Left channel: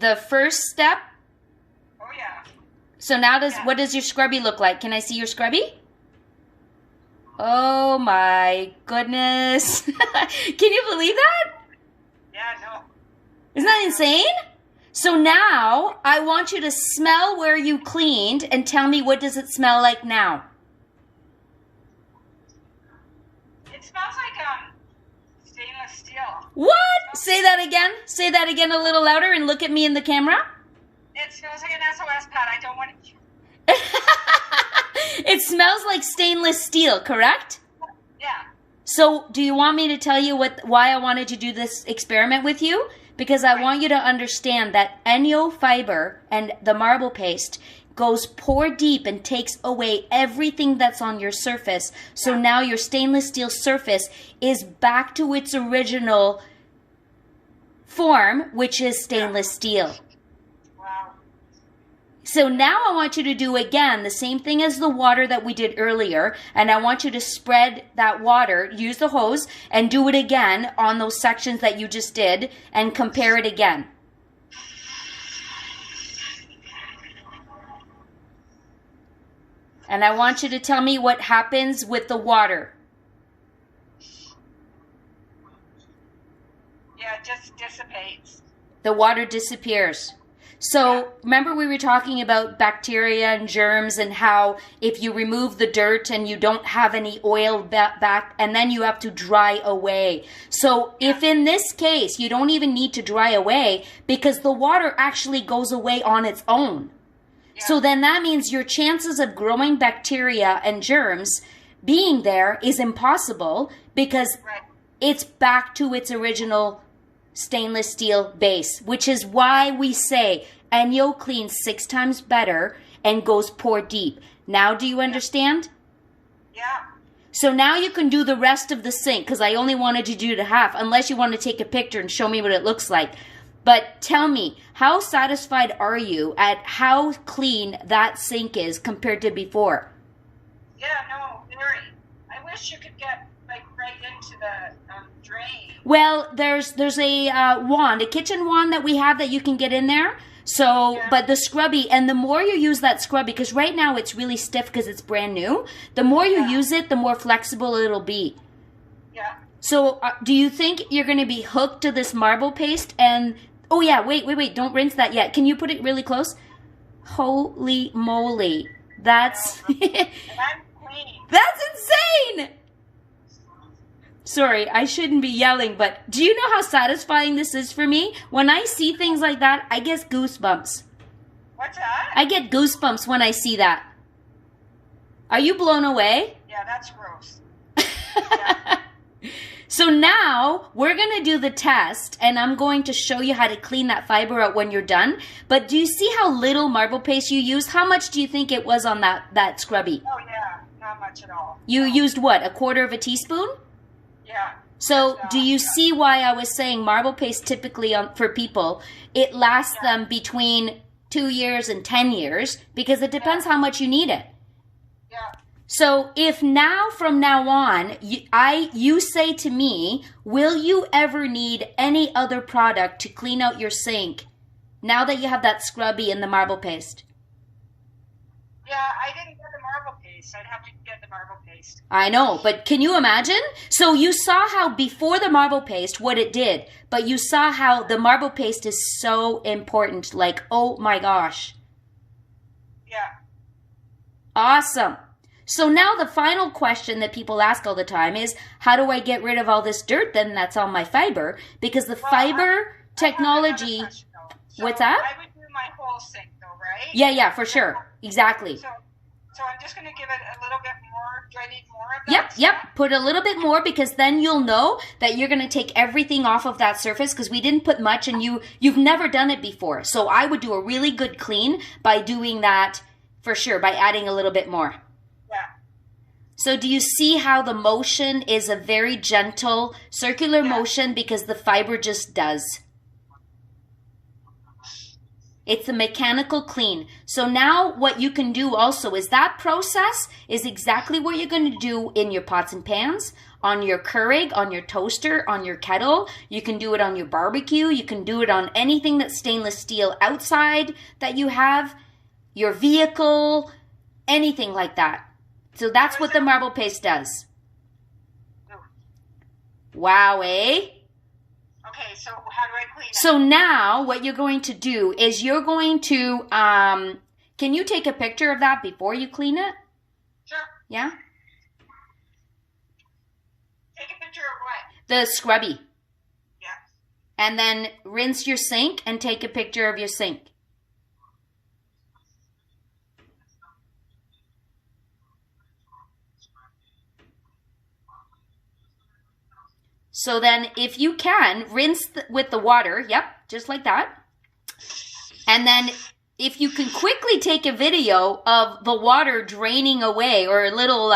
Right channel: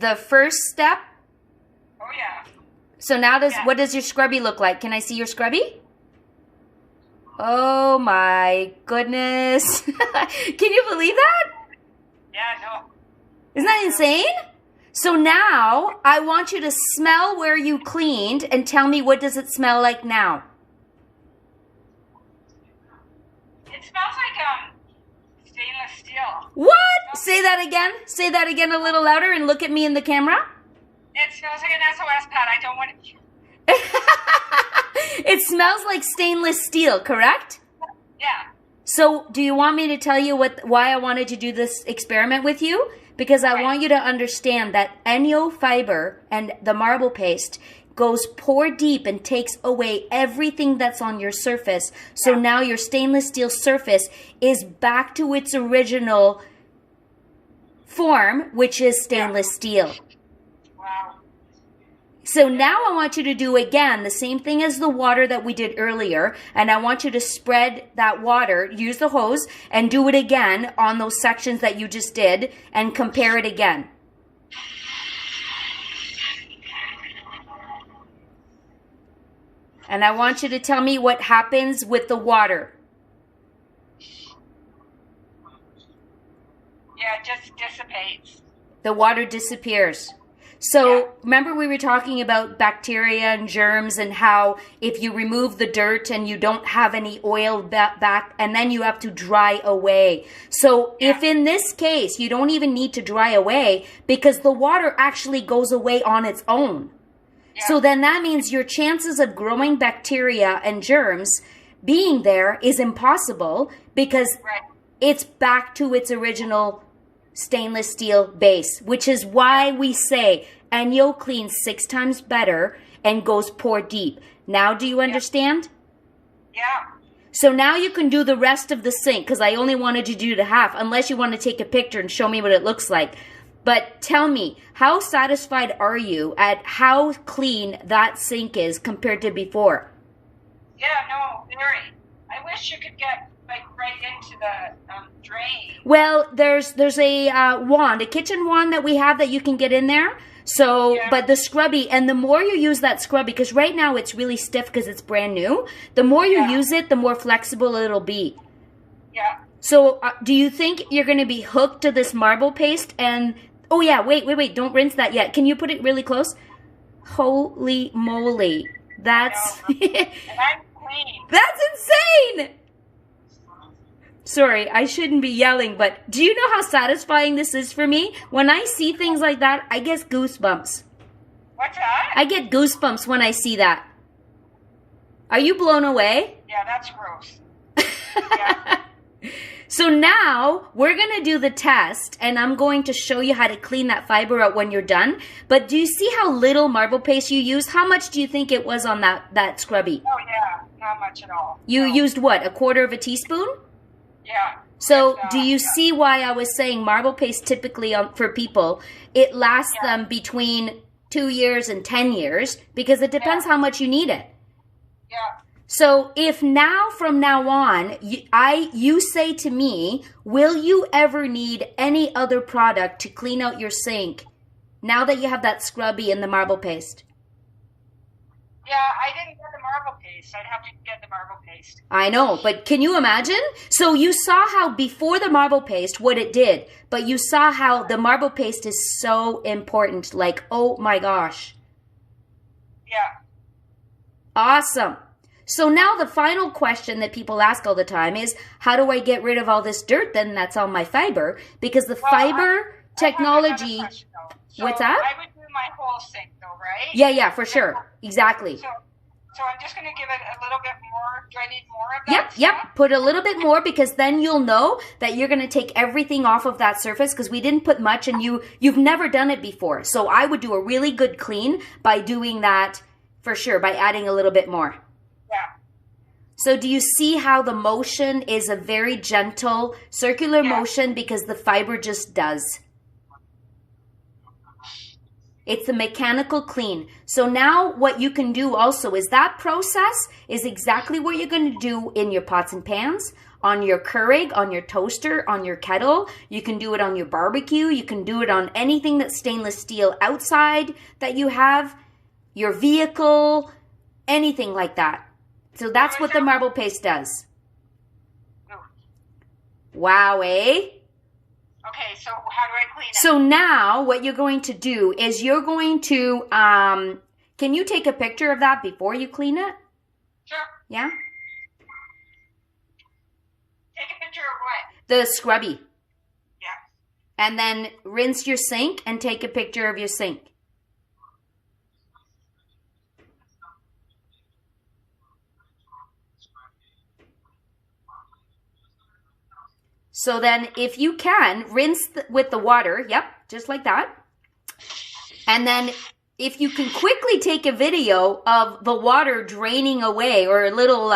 the first step. Oh, yeah. So now what does your scrubby look like? Can I see your scrubby? Oh my goodness. Can you believe that? Yeah, no. Isn't that insane? So now I want you to smell where you cleaned and tell me, what does it smell like now? It smells like stainless steel. What? Say that again. Say that again a little louder and look at me in the camera. It smells like an SOS pad. I don't want to... It smells like stainless steel, correct? Yeah. So do you want me to tell you why I wanted to do this experiment with you? Because I want you to understand that ENJO fiber and the marble paste goes pore deep and takes away everything that's on your surface. So now your stainless steel surface is back to its original form, which is stainless steel. Wow. So now I want you to do again the same thing as the water that we did earlier, and I want you to spread that water, use the hose, and do it again on those sections that you just did, and compare it again. And I want you to tell me what happens with the water. Yeah, it just dissipates. The water disappears. So remember we were talking about bacteria and germs and how if you remove the dirt and you don't have any oil back and then you have to dry away. So if in this case you don't even need to dry away because the water actually goes away on its own. Yeah. So then that means your chances of growing bacteria and germs being there is impossible because it's back to its original stainless steel base, which is why we say ENJO cleans 6 times better and goes pore deep. Now do you understand? Yeah. So now you can do the rest of the sink because I only wanted you to do the half unless you want to take a picture and show me what it looks like. But tell me, how satisfied are you at how clean that sink is compared to before? Yeah, no, very. I wish you could get like right into the drain. Well, there's a wand, a kitchen wand that we have that you can get in there. So, but the scrubby, and the more you use that scrubby, because right now it's really stiff because it's brand new, the more you use it, the more flexible it'll be. Yeah. So, do you think you're going to be hooked to this marble paste? And, oh yeah, wait, don't rinse that yet. Can you put it really close? Holy moly. That's... And I'm clean. That's insane! Sorry, I shouldn't be yelling, but do you know how satisfying this is for me? When I see things like that, I get goosebumps. What's that? I get goosebumps when I see that. Are you blown away? Yeah, that's gross. Yeah. So now we're going to do the test, and I'm going to show you how to clean that fiber out when you're done. But do you see how little marble paste you used? How much do you think it was on that scrubby? Oh, yeah, not much at all. You used what, 1/4 teaspoon? Yeah. So do you see why I was saying marble paste typically for people, it lasts them between 2 years and 10 years because it depends how much you need it. Yeah. So if now from now on, you say to me, will you ever need any other product to clean out your sink now that you have that scrubby and the marble paste? Yeah, I didn't get the marble paste. I'd have to get the marble paste. I know, but can you imagine? So you saw how before the marble paste, what it did, but you saw how the marble paste is so important. Like, oh my gosh. Yeah. Awesome. So now the final question that people ask all the time is, how do I get rid of all this dirt then that's on my fiber? Because the fiber technology... What's that? I would do my whole sink though, right? Yeah, for sure. Exactly. So I'm just going to give it a little bit more. Do I need more of that? Yep. Put a little bit more because then you'll know that you're going to take everything off of that surface because we didn't put much and you've never done it before. So I would do a really good clean by doing that for sure, by adding a little bit more. Yeah. So do you see how the motion is a very gentle circular motion because the fiber just does? It's the mechanical clean. So now what you can do also is that process is exactly what you're going to do in your pots and pans, on your Keurig, on your toaster, on your kettle. You can do it on your barbecue. You can do it on anything that's stainless steel outside that you have, your vehicle, anything like that. So that's what the marble paste does. Wow, eh? Okay, so how do I clean it? So now what you're going to do is you're going to, can you take a picture of that before you clean it? Sure. Yeah? Take a picture of what? The scrubby. Yeah. And then rinse your sink and take a picture of your sink. So then if you can, rinse with the water. Yep, just like that. And then if you can quickly take a video of the water draining away, or a little,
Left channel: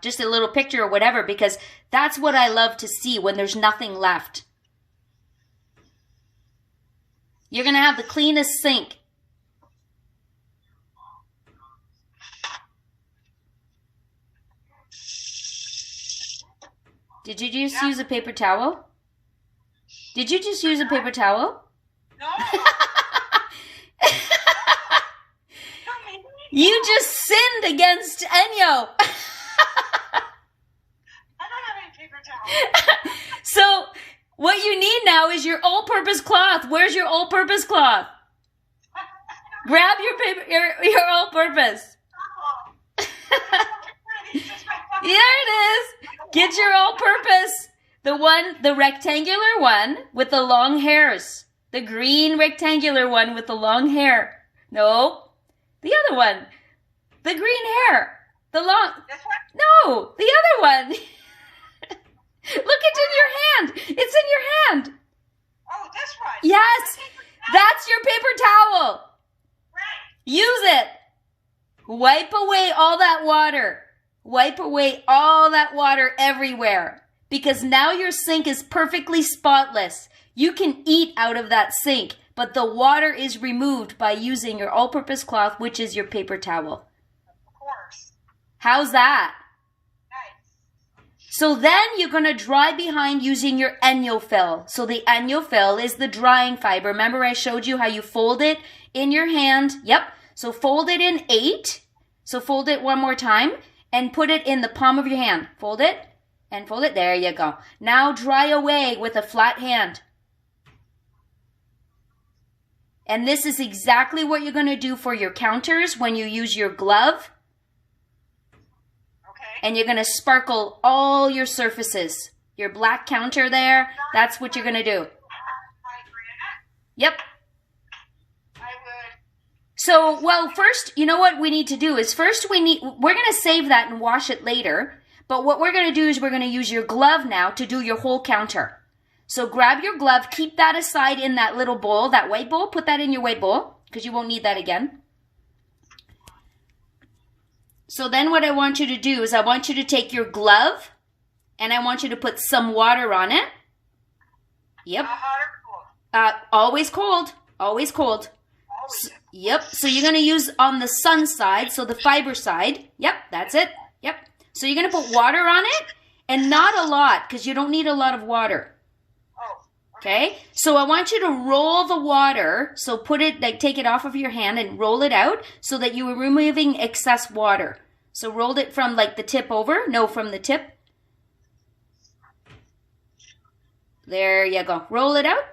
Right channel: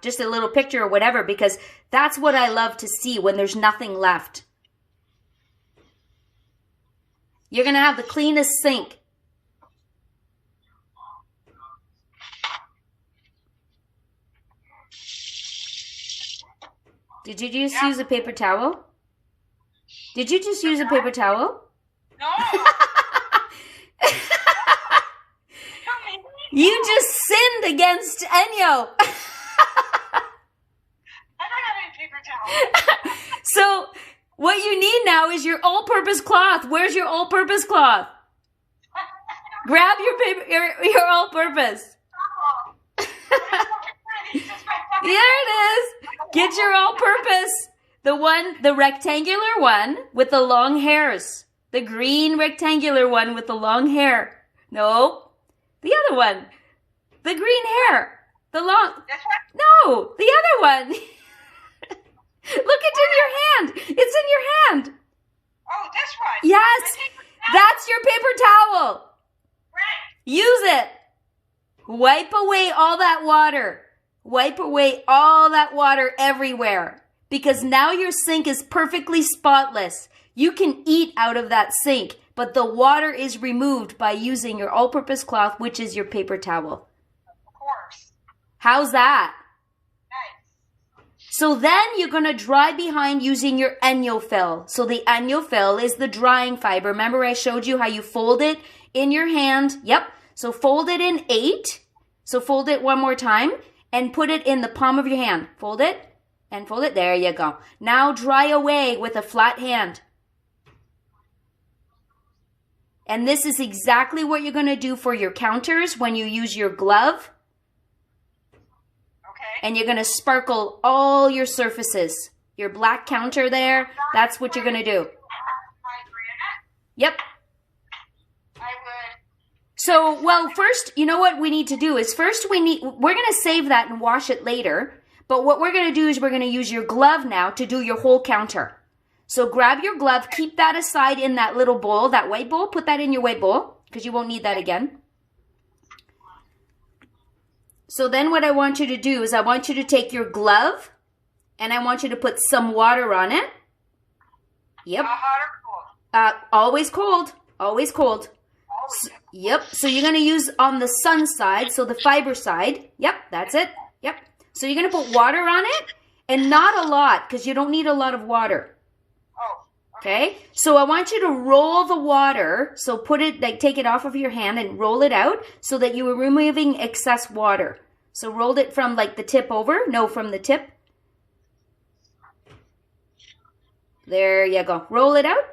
just a little picture or whatever, because that's what I love to see when there's nothing left. You're going to have the cleanest sink. Did you just use a paper towel? Did you just use a paper towel? No. You just sinned against Enyo. I don't have any paper towel. So what you need now is your all-purpose cloth. Where's your all-purpose cloth? Grab your paper, your all-purpose. There it is. Get your all-purpose. The rectangular one with the long hairs. The green rectangular one with the long hair. No, the other one. The green hair. The long. This one? No, the other one. Look, it's in your hand. It's in your hand. Oh, this one. Yes, that's your paper towel. Right. Use it. Wipe away all that water. Wipe away all that water everywhere, because now your sink is perfectly spotless. You can eat out of that sink, but the water is removed by using your all-purpose cloth, which is your paper towel. Of course. How's that? Nice. So then you're going to dry behind using your ENJO fill. So the ENJO fill is the drying fiber. Remember I showed you how you fold it in your hand? Yep. So fold it in 8. So fold it one more time. And put it in the palm of your hand. Fold it and fold it. There you go. Now dry away with a flat hand. And this is exactly what you're going to do for your counters when you use your glove. Okay. And you're going to sparkle all your surfaces. Your black counter there, that's what you're going to do. Yep. So, well, first, you know what we need to do is first we're going to save that and wash it later. But what we're going to do is we're going to use your glove now to do your whole counter. So grab your glove, keep that aside in that little bowl, that white bowl. Put that in your white bowl because you won't need that again. So then what I want you to do is I want you to take your glove and I want you to put some water on it. Yep. Hot or cold? Always cold. Always cold. Yep, so you're going to use on the sun side, so the fiber side. Yep, that's it. Yep. So you're going to put water on it, and not a lot, because you don't need a lot of water. Oh. Okay? So I want you to roll the water, so put it, like take it off of your hand and roll it out, so that you are removing excess water. So roll it from like the tip over. No, from the tip. There you go. Roll it out.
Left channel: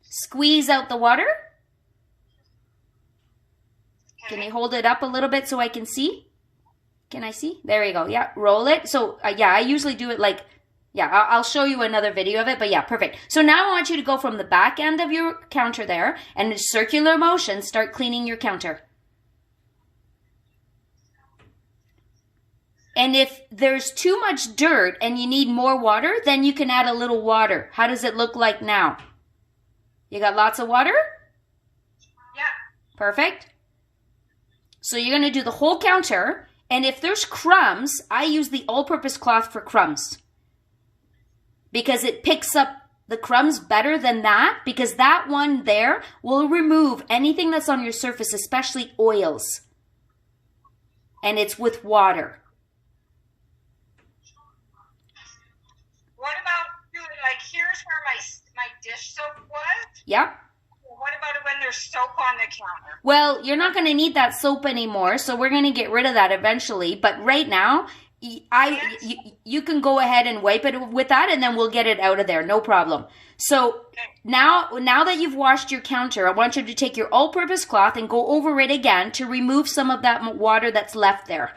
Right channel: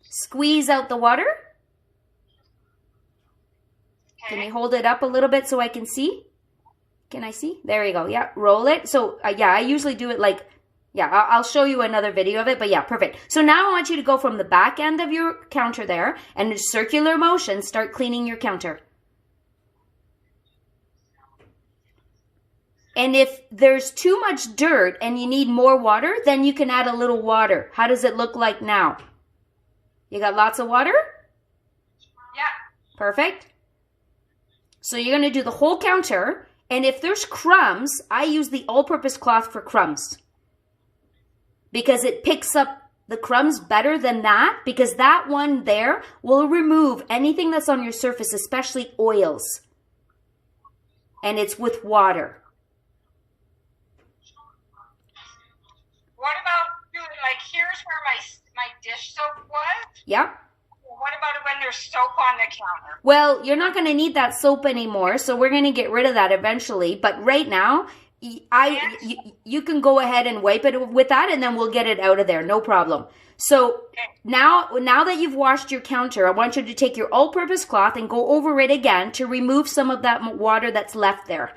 Squeeze out the water. Can you hold it up a little bit so I can see? Can I see? There you go. Yeah, roll it. So, yeah, I usually do it like, yeah, I'll show you another video of it, but yeah, perfect. So now I want you to go from the back end of your counter there and in circular motion, start cleaning your counter. And if there's too much dirt and you need more water, then you can add a little water. How does it look like now? You got lots of water? Yeah. Perfect. So you're going to do the whole counter, and if there's crumbs, I use the all-purpose cloth for crumbs because it picks up the crumbs better than that, because that one there will remove anything that's on your surface, especially oils. And it's with water. What about, like, here's where my dish soap was? Yep. What about when there's soap on the counter? Well, you're not going to need that soap anymore, so we're going to get rid of that eventually. But right now, you can go ahead and wipe it with that, and then we'll get it out of there. No problem. So now that you've washed your counter, I want you to take your all-purpose cloth and go over it again to remove some of that water that's left there.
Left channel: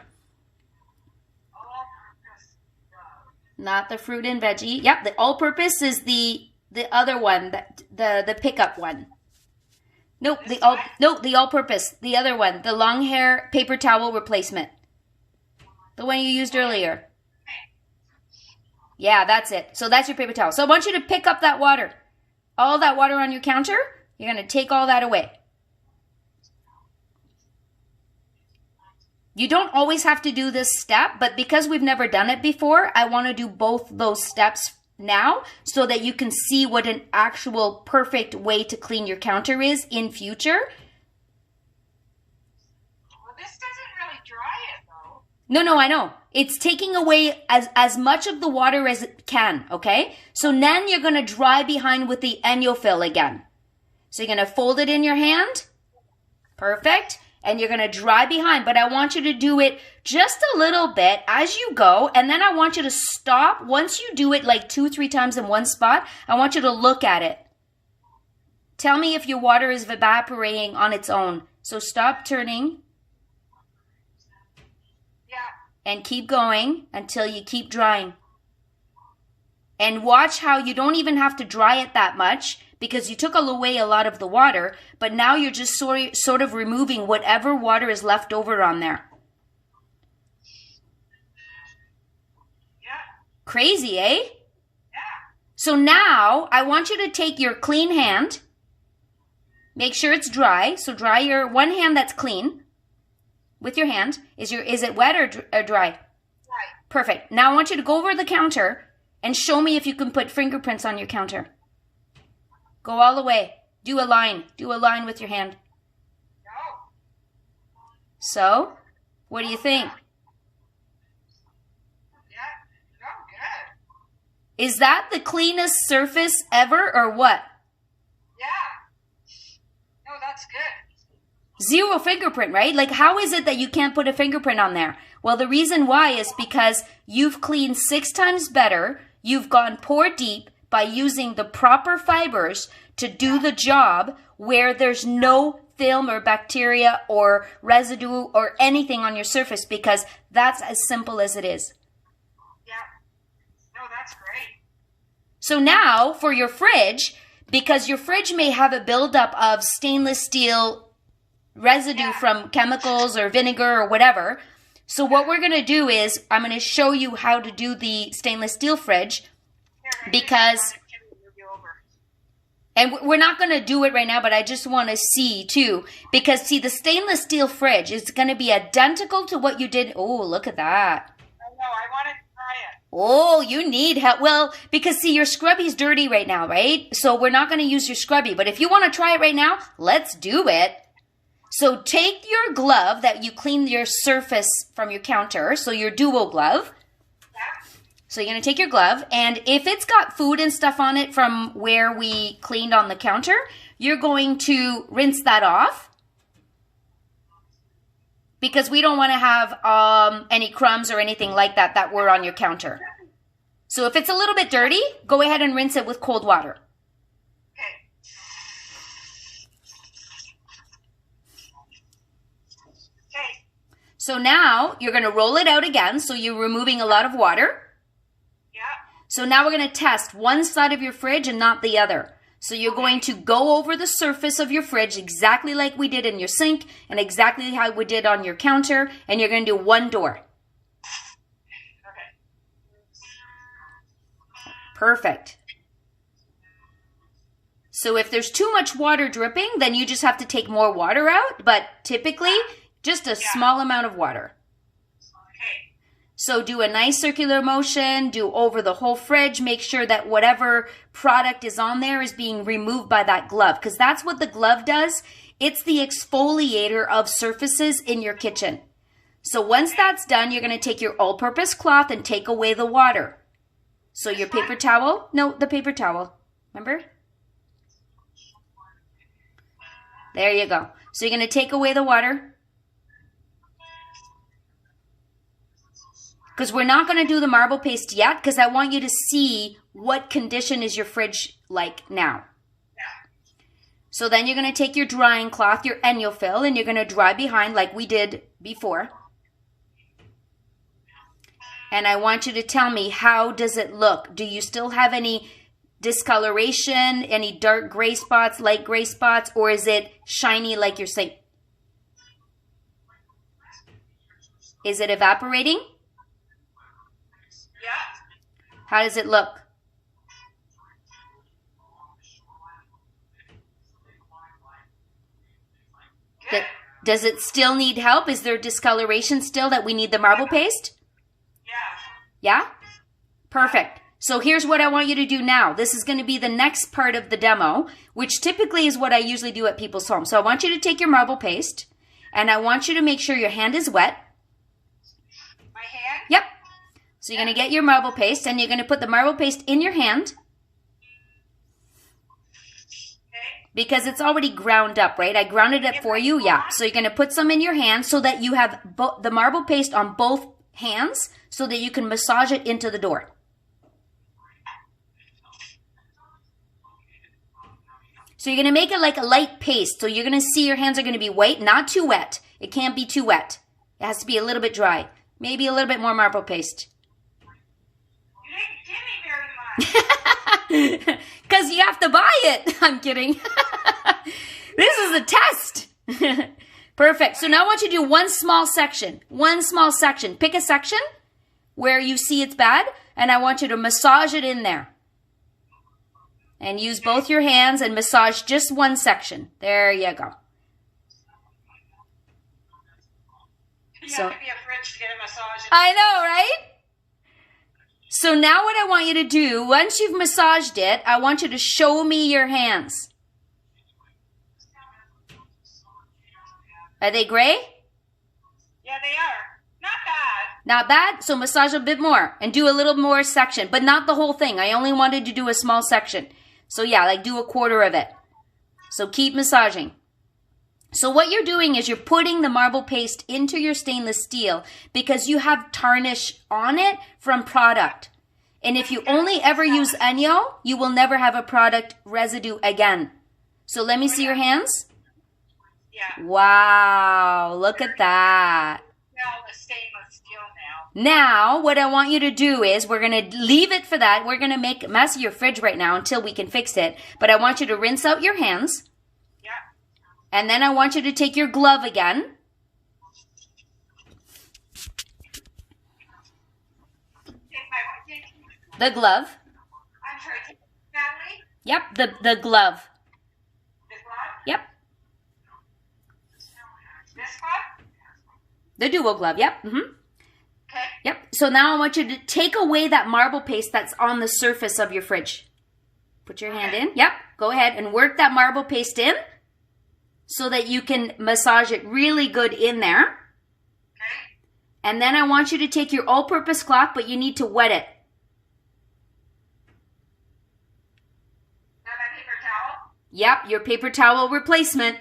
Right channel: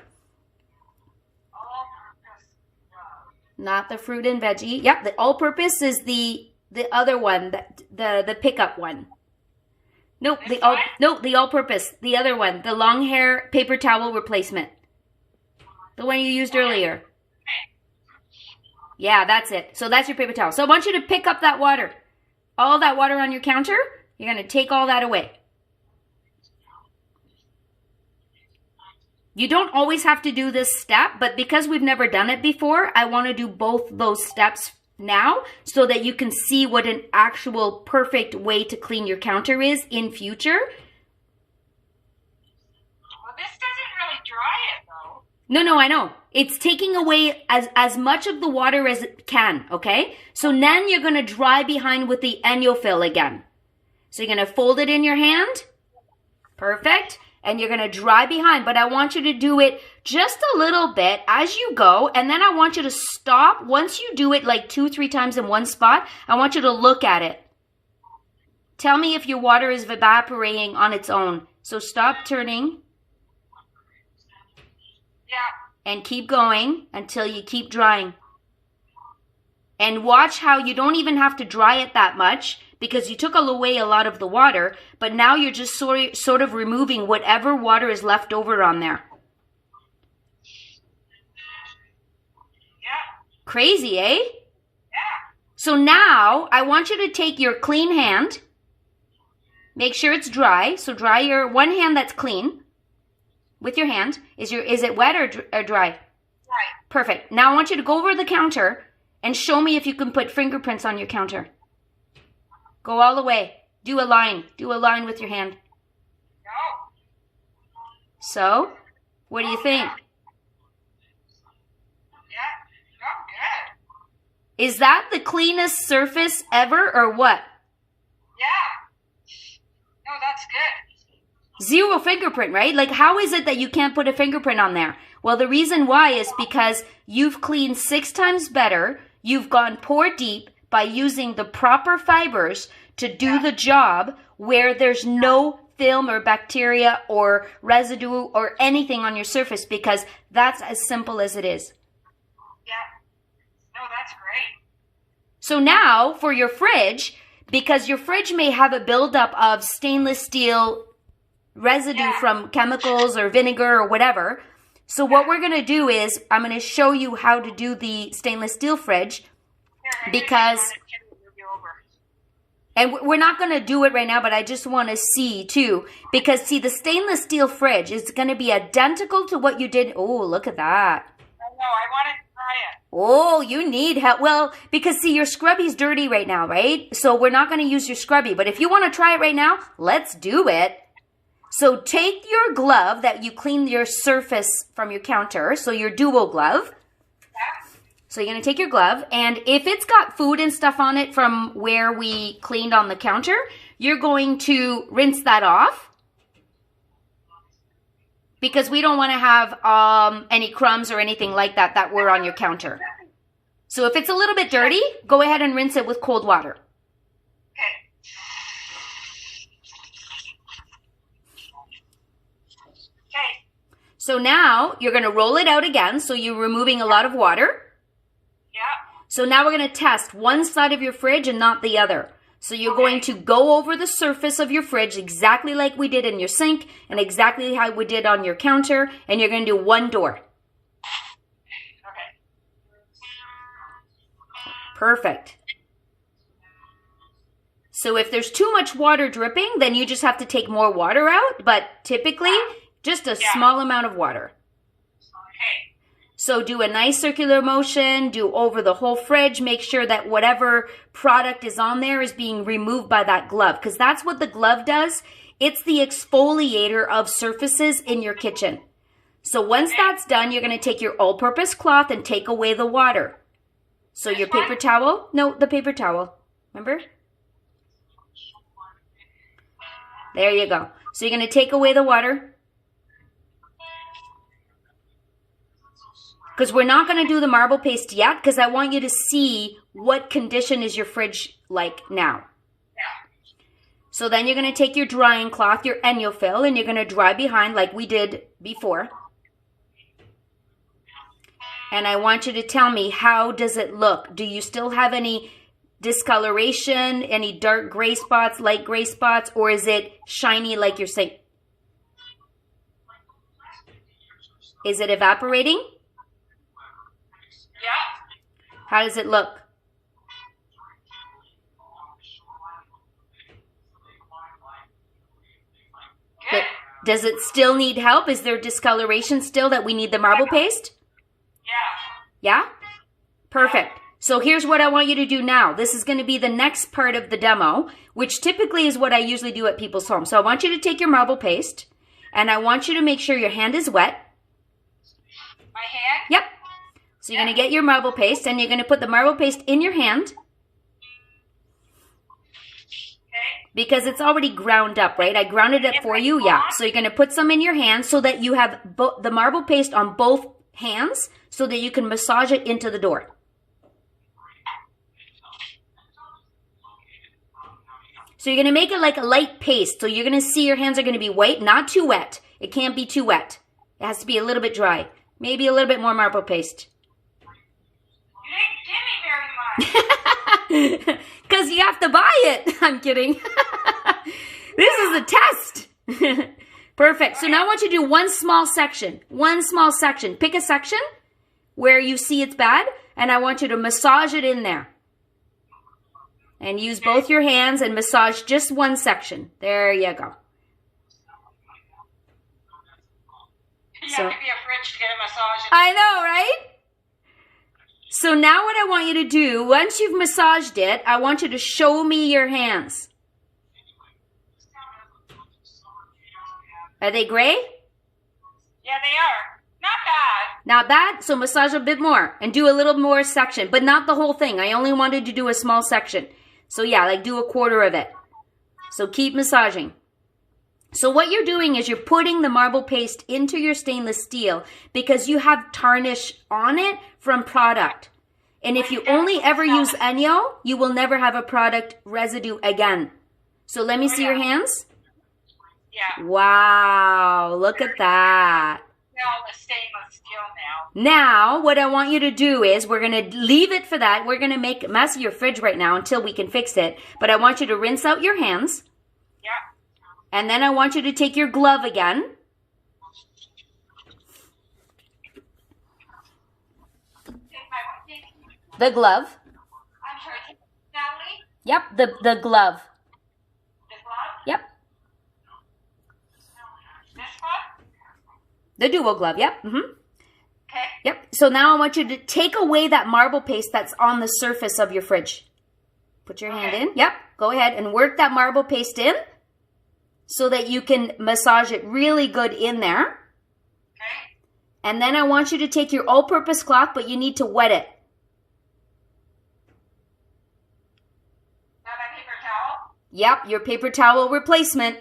Not the fruit and veggie. Yep, the all-purpose is the other one, the pickup one. Nope, the all-purpose, the other one, the long hair paper towel replacement. The one you used earlier. Yeah, that's it. So that's your paper towel. So I want you to pick up that water. All that water on your counter, you're going to take all that away. You don't always have to do this step, but because we've never done it before, I want to do both those steps now so that you can see what an actual perfect way to clean your counter is in future. Well, this doesn't really dry it, though. No, I know. It's taking away as much of the water as it can, okay? So then you're going to dry behind with the ENJO fill again. So you're going to fold it in your hand. Perfect. And you're going to dry behind, but I want you to do it just a little bit as you go, and then I want you to stop. Once you do it like 2-3 times in one spot, I want you to look at it. Tell me if your water is evaporating on its own. So stop turning. Yeah. And keep going until you keep drying. And watch how you don't even have to dry it that much, because you took away a lot of the water, but now you're just sort of removing whatever water is left over on there. Yeah. Crazy, eh? Yeah. So now I want you to take your clean hand. Make sure it's dry. So dry your one hand that's clean with your hand. Is it wet or dry? Right. Perfect. Now I want you to go over the counter and show me if you can put fingerprints on your counter. Go all the way. Do a line. Do a line with your hand. No. So, what do you think? Yeah. No, good. Is that the cleanest surface ever or what? Yeah. No, that's good. 0 fingerprint, right? Like, how is it that you can't put a fingerprint on there? Well, the reason why is because you've cleaned 6 times better. You've gone pore deep by using the proper fibers to do the job where there's no film or bacteria or residue or anything on your surface, because that's as simple as it is. Yeah. No, that's great. So now for your fridge, because your fridge may have a buildup of stainless steel residue from chemicals or vinegar or whatever. So what we're going to do is I'm going to show you how to do the stainless steel fridge, because, and we're not going to do it right now, but I just want to see too, because see, the stainless steel fridge is going to be identical to what you did. Oh, look at that. I know, I want to try it. Oh, you need help. Well, because see, your scrubby's dirty right now, right? So we're not going to use your scrubby, but if you want to try it right now, let's do it. So take your glove that you cleaned your surface from your counter, so your duo glove. So you're going to take your glove, and if it's got food and stuff on it from where we cleaned on the counter, you're going to rinse that off, because we don't want to have any crumbs or anything like that that were on your counter. So if it's a little bit dirty, go ahead and rinse it with cold water. Okay. So now you're going to roll it out again, so you're removing a lot of water. So now we're going to test one side of your fridge and not the other. So you're going to go over the surface of your fridge exactly like we did in your sink and exactly how we did on your counter, and you're going to do one door. Okay. Perfect. So if there's too much water dripping, then you just have to take more water out, but typically just a small amount of water. Okay. So do a nice circular motion, do over the whole fridge, make sure that whatever product is on there is being removed by that glove, because that's what the glove does. It's the exfoliator of surfaces in your kitchen. So once that's done, you're going to take your all-purpose cloth and take away the water. So your paper towel, no, the paper towel, remember? There you go. So you're going to take away the water. Because we're not going to do the marble paste yet, because I want you to see what condition is your fridge like now. So then you're going to take your drying cloth, your ENJO fill, and you're going to dry behind like we did before. And I want you to tell me, how does it look? Do you still have any discoloration, any dark gray spots, light gray spots, or is it shiny like you're saying? Is it evaporating? Yeah. How does it look? Good. Does it still need help? Is there discoloration still that we need the marble paste? Yeah. Yeah? Perfect. So here's what I want you to do now. This is going to be the next part of the demo, which typically is what I usually do at people's homes. So I want you to take your marble paste, and I want you to make sure your hand is wet. My hand? Yep. So you're going to get your marble paste, and you're going to put the marble paste in your hand. Okay. Because it's already ground up, right? I grounded it for you, yeah. So you're going to put some in your hand so that you have the marble paste on both hands so that you can massage it into the door. So you're going to make it like a light paste. So you're going to see your hands are going to be white, not too wet. It can't be too wet. It has to be a little bit dry. Maybe a little bit more marble paste. You didn't give me very much. Because you have to buy it. I'm kidding. This is a test. Perfect. So now I want you to do one small section. One small section. Pick a section where you see it's bad, and I want you to massage it in there. And use both your hands and massage just one section. There you go. You have to be a fridge to get a massage. I know, right? So now what I want you to do, once you've massaged it, I want you to show me your hands. Are they gray? Yeah, they are. Not bad. Not bad? So massage a bit more and do a little more section, but not the whole thing. I only wanted to do a small section. So yeah, like do a quarter of it. So keep massaging. So what you're doing is you're putting the marble paste into your stainless steel because you have tarnish on it from product. And if you only ever use ENJO, you will never have a product residue again. So let me see your hands. Yeah. Wow, look at that. Well, the stainless steel now. Now, what I want you to do is we're going to leave it for that. We're going to make a mess of your fridge right now until we can fix it. But I want you to rinse out your hands. Yeah. And then I want you to take your glove again. The glove. I'm sorry, Natalie? Yep, the glove. The glove? Yep. This one? The dual glove, yep. Mm-hmm. Okay. Yep. So now I want you to take away that marble paste that's on the surface of your fridge. Put your hand in. Yep. Go ahead and work that marble paste in so that you can massage it really good in there. Okay. And then I want you to take your all-purpose cloth, but you need to wet it. Now that paper towel? Yep, your paper towel replacement.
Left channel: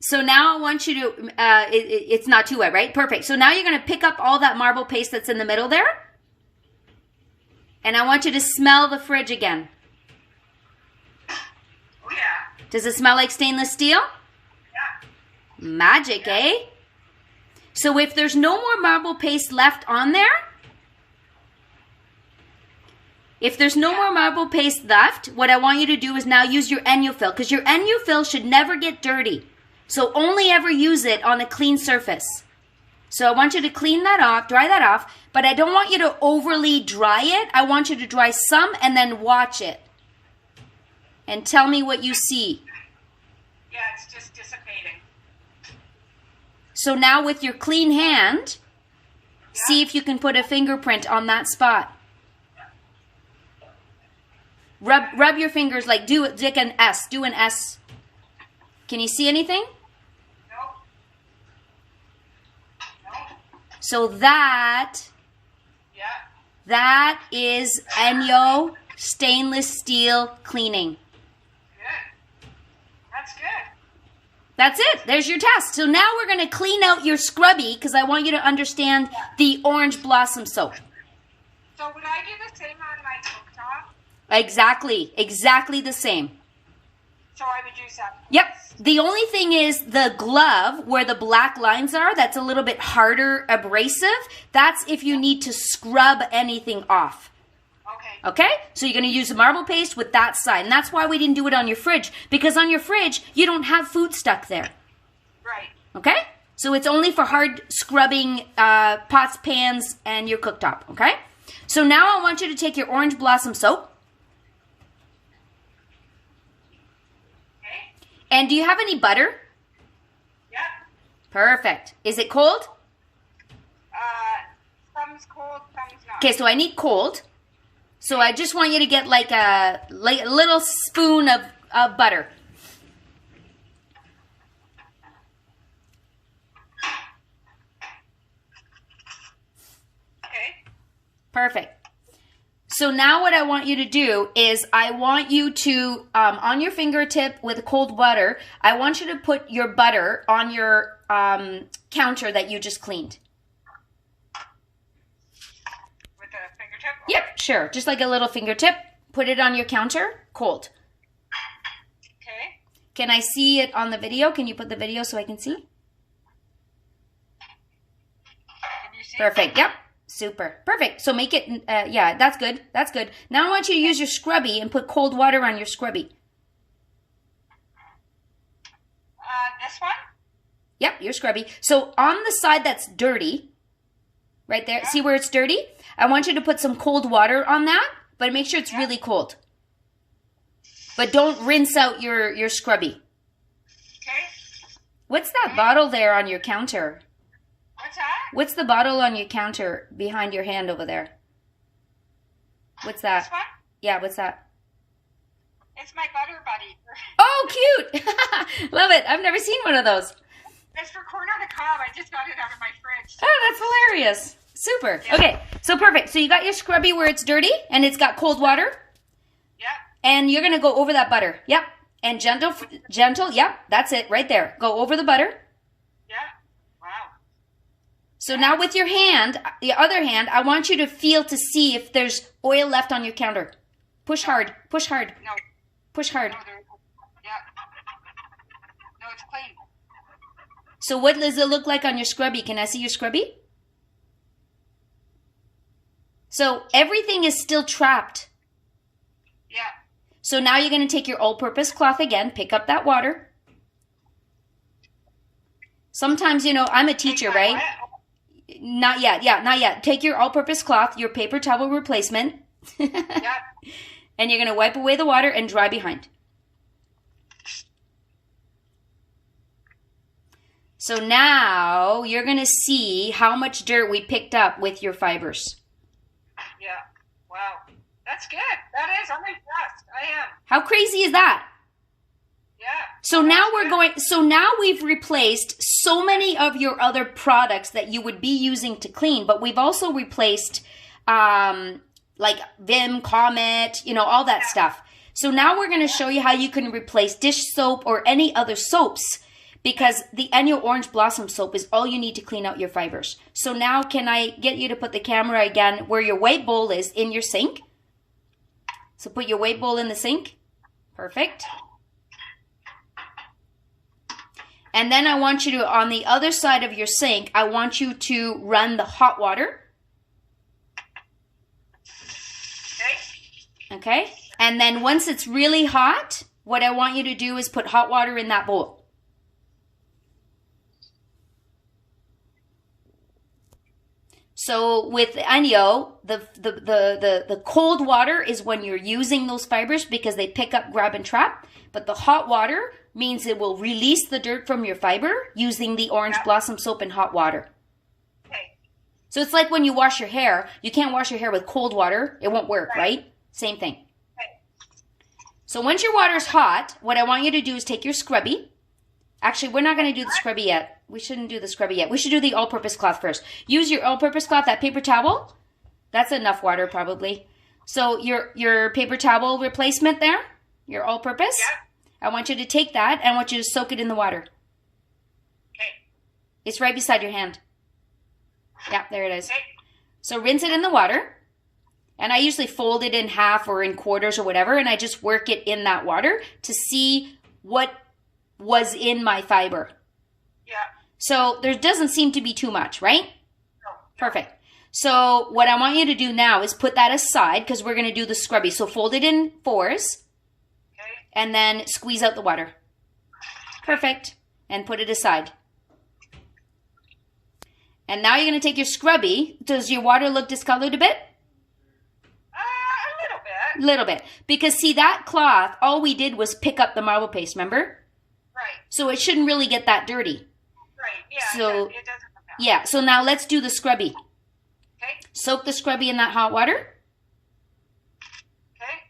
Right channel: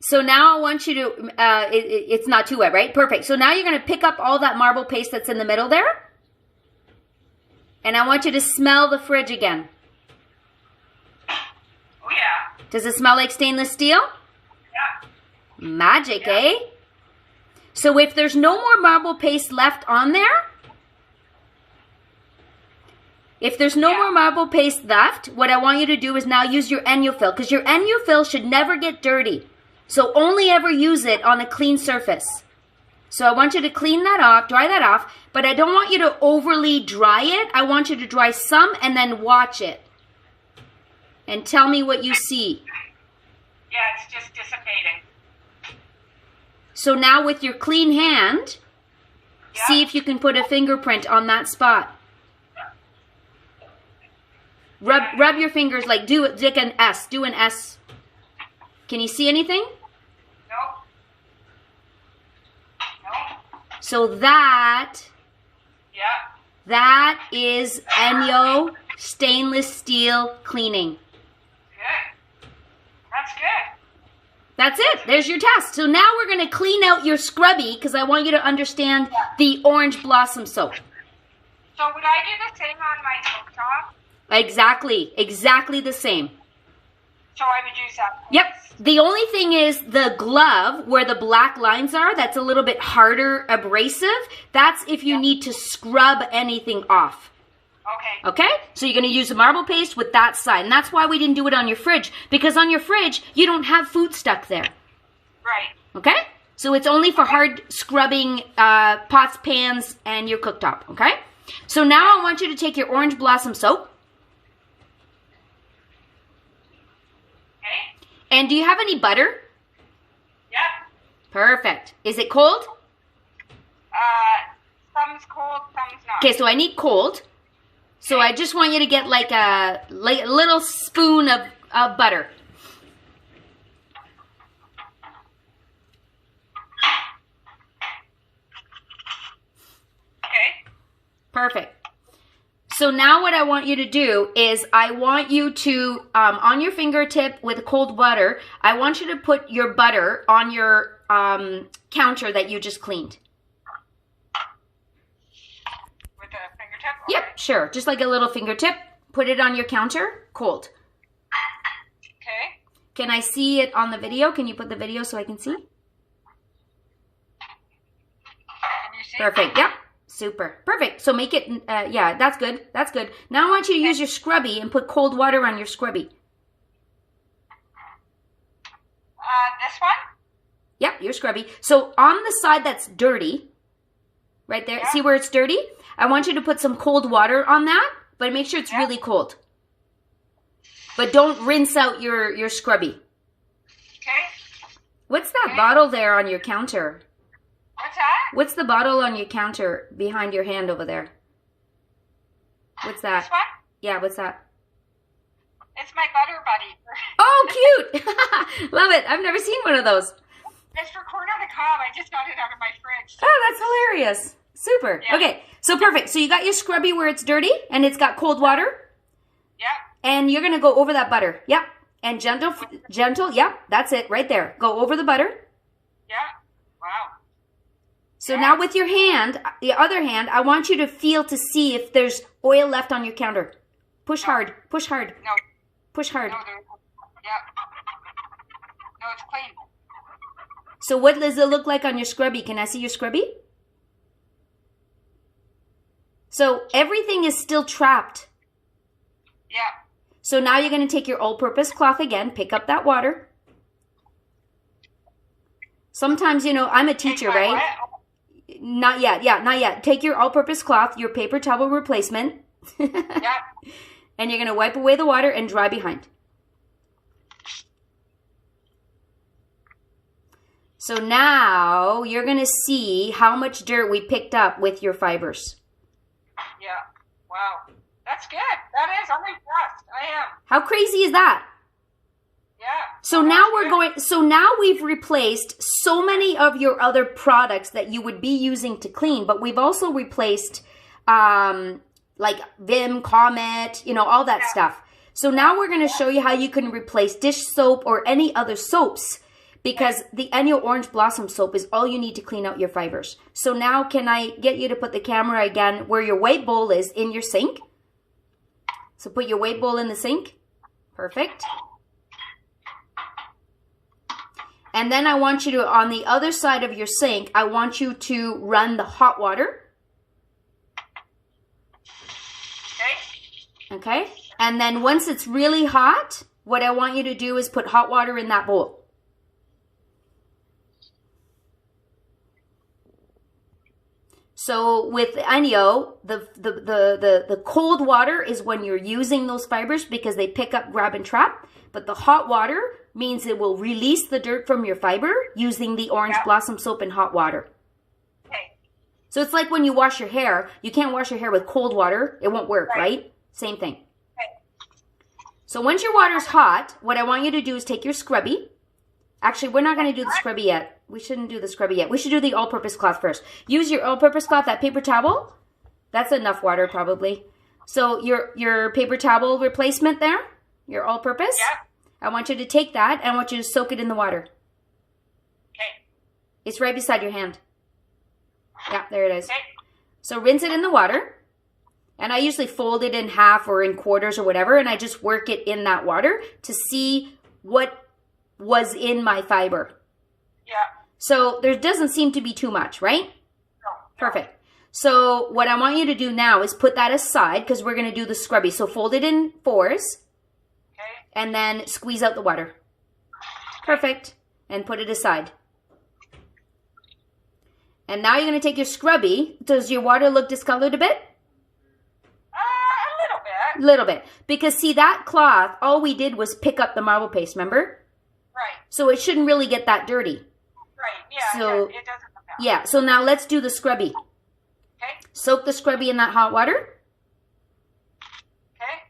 So now I want you to, it's not too wet, right? Perfect. So now you're going to pick up all that marble paste that's in the middle there. And I want you to smell the fridge again. Oh, yeah. Does it smell like stainless steel? Yeah. Magic, eh? So if there's no more marble paste left on there, if there's no more marble paste left, what I want you to do is now use your ENJO fill, because your ENJO fill should never get dirty. So only ever use it on a clean surface. So I want you to clean that off, dry that off, but I don't want you to overly dry it. I want you to dry some and then watch it. And tell me what you see. Yeah, it's just dissipating. So now with your clean hand, Yeah. see if you can put a fingerprint on that spot. Rub your fingers, like do an S. Do an S. Can you see anything? No. No. So that Yeah. is ENJO stainless steel cleaning. Good. That's good. That's it. There's your test. So now we're going to clean out your scrubby because I want you to understand the orange blossom soap. So would I do the same on my cooktop? Exactly the same. So I would use that. Yep. The only thing is the glove where the black lines are, that's a little bit harder abrasive. That's if you need to scrub anything off. Okay. Okay? So you're going to use the marble paste with that side. And that's why we didn't do it on your fridge. Because on your fridge, you don't have food stuck there. Right. Okay? So it's only for hard scrubbing pots, pans, and your cooktop. Okay? So now I want you to take your orange blossom soap. Okay. And do you have any butter? Yep. Perfect. Is it cold? Some's cold, some's not. Okay, so I need cold. So I just want you to get like a little spoon of butter. Okay. Perfect. So now what I want you to do is I want you to, on your fingertip with cold butter, I want you to put your butter on your counter that you just cleaned. With a fingertip? Yep, sure. Just like a little fingertip. Put it on your counter, cold. Okay. Can I see it on the video? Can you put the video so I can see? Can you see? Perfect. Yep. Super. Perfect. So make it, yeah, that's good. That's good. Now I want you to use your scrubby and put cold water on your scrubby. This one? Yep, your scrubby. So on the side that's dirty, right there, Yeah. see where it's dirty? I want you to put some cold water on that, but make sure it's really cold. But don't rinse out your scrubby. Okay. What's that bottle there on your counter? What's that? What's the bottle on your counter behind your hand over there? What's that? This one? Yeah, what's that? It's my butter buddy. Oh, cute! Love it. I've never seen one of those. It's for corn on the cob. I just got it out of my fridge. Oh, that's hilarious. Super. Yeah. Okay, so perfect. So you got your scrubby where it's dirty and it's got cold water. Yep. And you're going to go over that butter. Yep. And gentle. Yep. That's it right there. Go over the butter. Yeah. Wow. So now with your hand, the other hand, I want you to feel to see if there's oil left on your counter. Push hard. Push hard. No. Push hard. No, yeah. No, it's clean. So what does it look like on your scrubby? Can I see your scrubby? So everything is still trapped. Yeah. So now you're going to take your all-purpose cloth again, pick up that water. Sometimes, you know, I'm a teacher, right? What? Not yet. Yeah, not yet. Take your all-purpose cloth, your paper towel replacement, Yeah. and you're going to wipe away the water and dry behind. So now you're going to see how much dirt we picked up with your fibers. Yeah. Wow. That's good. That is. I'm impressed. I am. How crazy is that? Yeah. So now we've replaced so many of your other products that you would be using to clean, but we've also replaced like Vim, Comet, you know, all that stuff. So now we're going to show you how you can replace dish soap or any other soaps, because the ENJO Orange Blossom soap is all you need to clean out your fibers. So now can I get you to put the camera again where your white bowl is in your sink? So put your white bowl in the sink. Perfect. And then I want you to, on the other side of your sink, I want you to run the hot water. Okay. Okay? And then once it's really hot, what I want you to do is put hot water in that bowl. So with ENJO, the cold water is when you're using those fibers because they pick up, grab, and trap. But the hot water, means it will release the dirt from your fiber using the orange blossom soap in hot water. Okay. So it's like when you wash your hair, you can't wash your hair with cold water. It won't work, right? Same thing. Okay. So once your water's hot, what I want you to do is take your scrubby. Actually, we're not going to do the scrubby yet. We shouldn't do the scrubby yet. We should do the all-purpose cloth first. Use your all-purpose cloth, that paper towel. That's enough water probably. So your paper towel replacement there, your all-purpose. Yeah. I want you to take that and I want you to soak it in the water. Okay. It's right beside your hand. Yeah, there it is. Okay. So rinse it in the water. And I usually fold it in half or in quarters or whatever, and I just work it in that water to see what was in my fiber. Yeah. So there doesn't seem to be too much, right? No. Perfect. So what I want you to do now is put that aside because we're going to do the scrubby. So fold it in fours. Okay. And then squeeze out the water. Perfect. And put it aside. And now you're going to take your scrubby. Does your water look discolored a bit? A little bit. Little bit. Because see, that cloth, all we did was pick up the marble paste, remember? Right. So it shouldn't really get that dirty. Right. Yeah. So, it doesn't come out. Yeah, so now let's do the scrubby. Okay. Soak the scrubby in that hot water. Okay.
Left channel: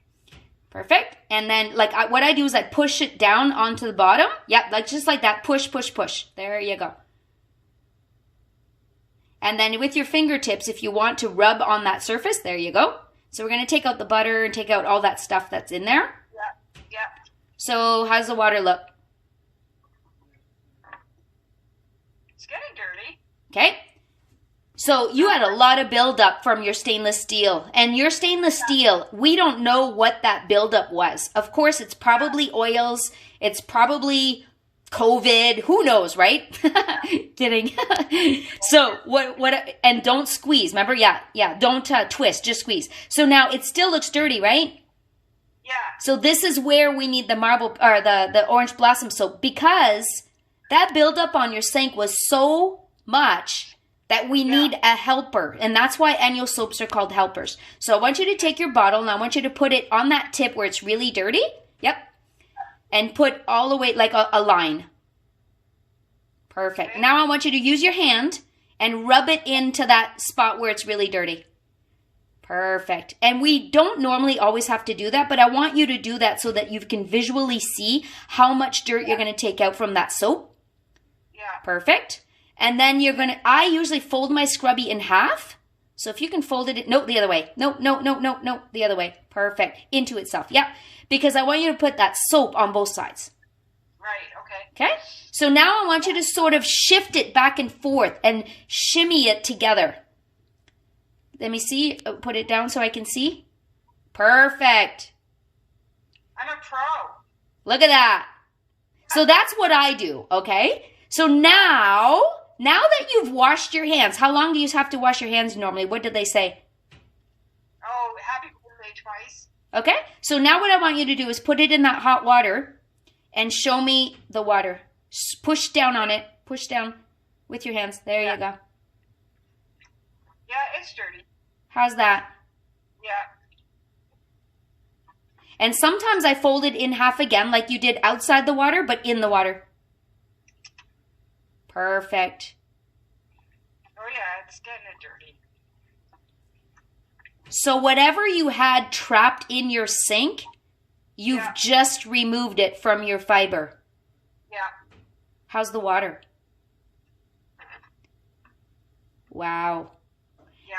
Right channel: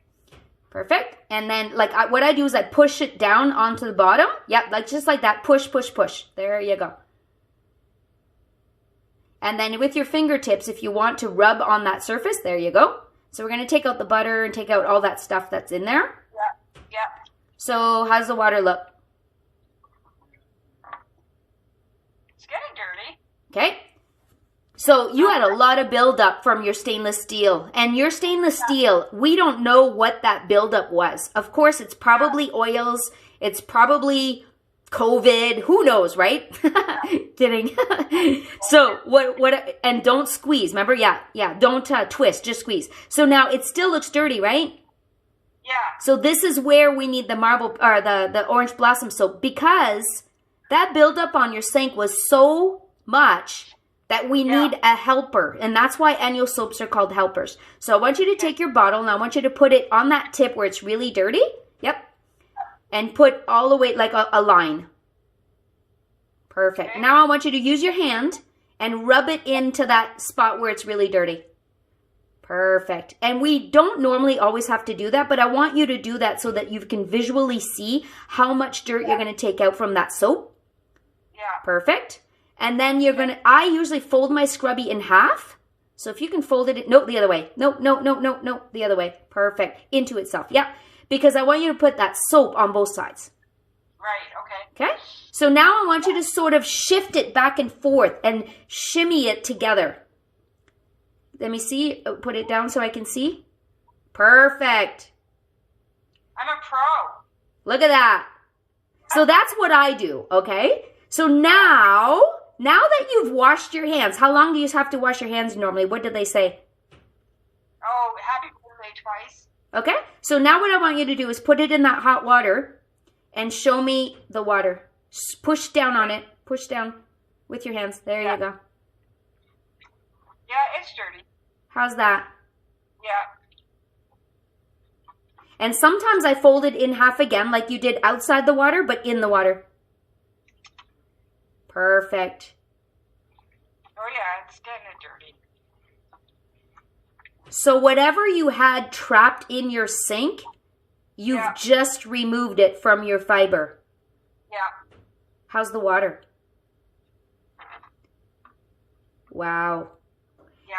Perfect. And then what I do is I push it down onto the bottom. Yep, just like that. Push, push, push. There you go. And then with your fingertips, if you want to rub on that surface, there you go. So we're going to take out the butter and take out all that stuff that's in there. Yeah. Yeah. So how's the water look? It's getting dirty. Okay. So you had a lot of buildup from your stainless steel. And your stainless steel, we don't know what that buildup was. Of course, it's probably oils. It's probably COVID. Who knows, right? Kidding. So and don't squeeze. Remember? Yeah. Don't twist. Just squeeze. So now it still looks dirty, right? Yeah. So this is where we need the marble or the orange blossom soap, because that buildup on your sink was so much that we need a helper. And that's why ENJO soaps are called helpers. So I want you to take your bottle and I want you to put it on that tip where it's really dirty. Yep. And put all the way like a line. Perfect. Okay. Now I want you to use your hand and rub it into that spot where it's really dirty. Perfect. And we don't normally always have to do that, but I want you to do that so that you can visually see how much dirt you're going to take out from that soap. Yeah. Perfect. And then I usually fold my scrubby in half. So if you can fold it, no, the other way. No, the other way. Perfect. Into itself. Yep. Because I want you to put that soap on both sides. Right, okay. Okay? So now I want you to sort of shift it back and forth and shimmy it together. Let me see. Put it down so I can see. Perfect. I'm a pro. Look at that. So that's what I do, okay? So now that you've washed your hands, how long do you have to wash your hands normally? What did they say? Oh, happy birthday twice. Okay, so now what I want you to do is put it in that hot water and show me the water. Push down on it. Push down with your hands. There you go. Yeah, it's dirty. How's that? Yeah. And sometimes I fold it in half again like you did outside the water, but in the water. Perfect. Oh yeah, it's getting dirty. So whatever you had trapped in your sink, you've just removed it from your fiber. Yeah. How's the water? Wow. Yeah.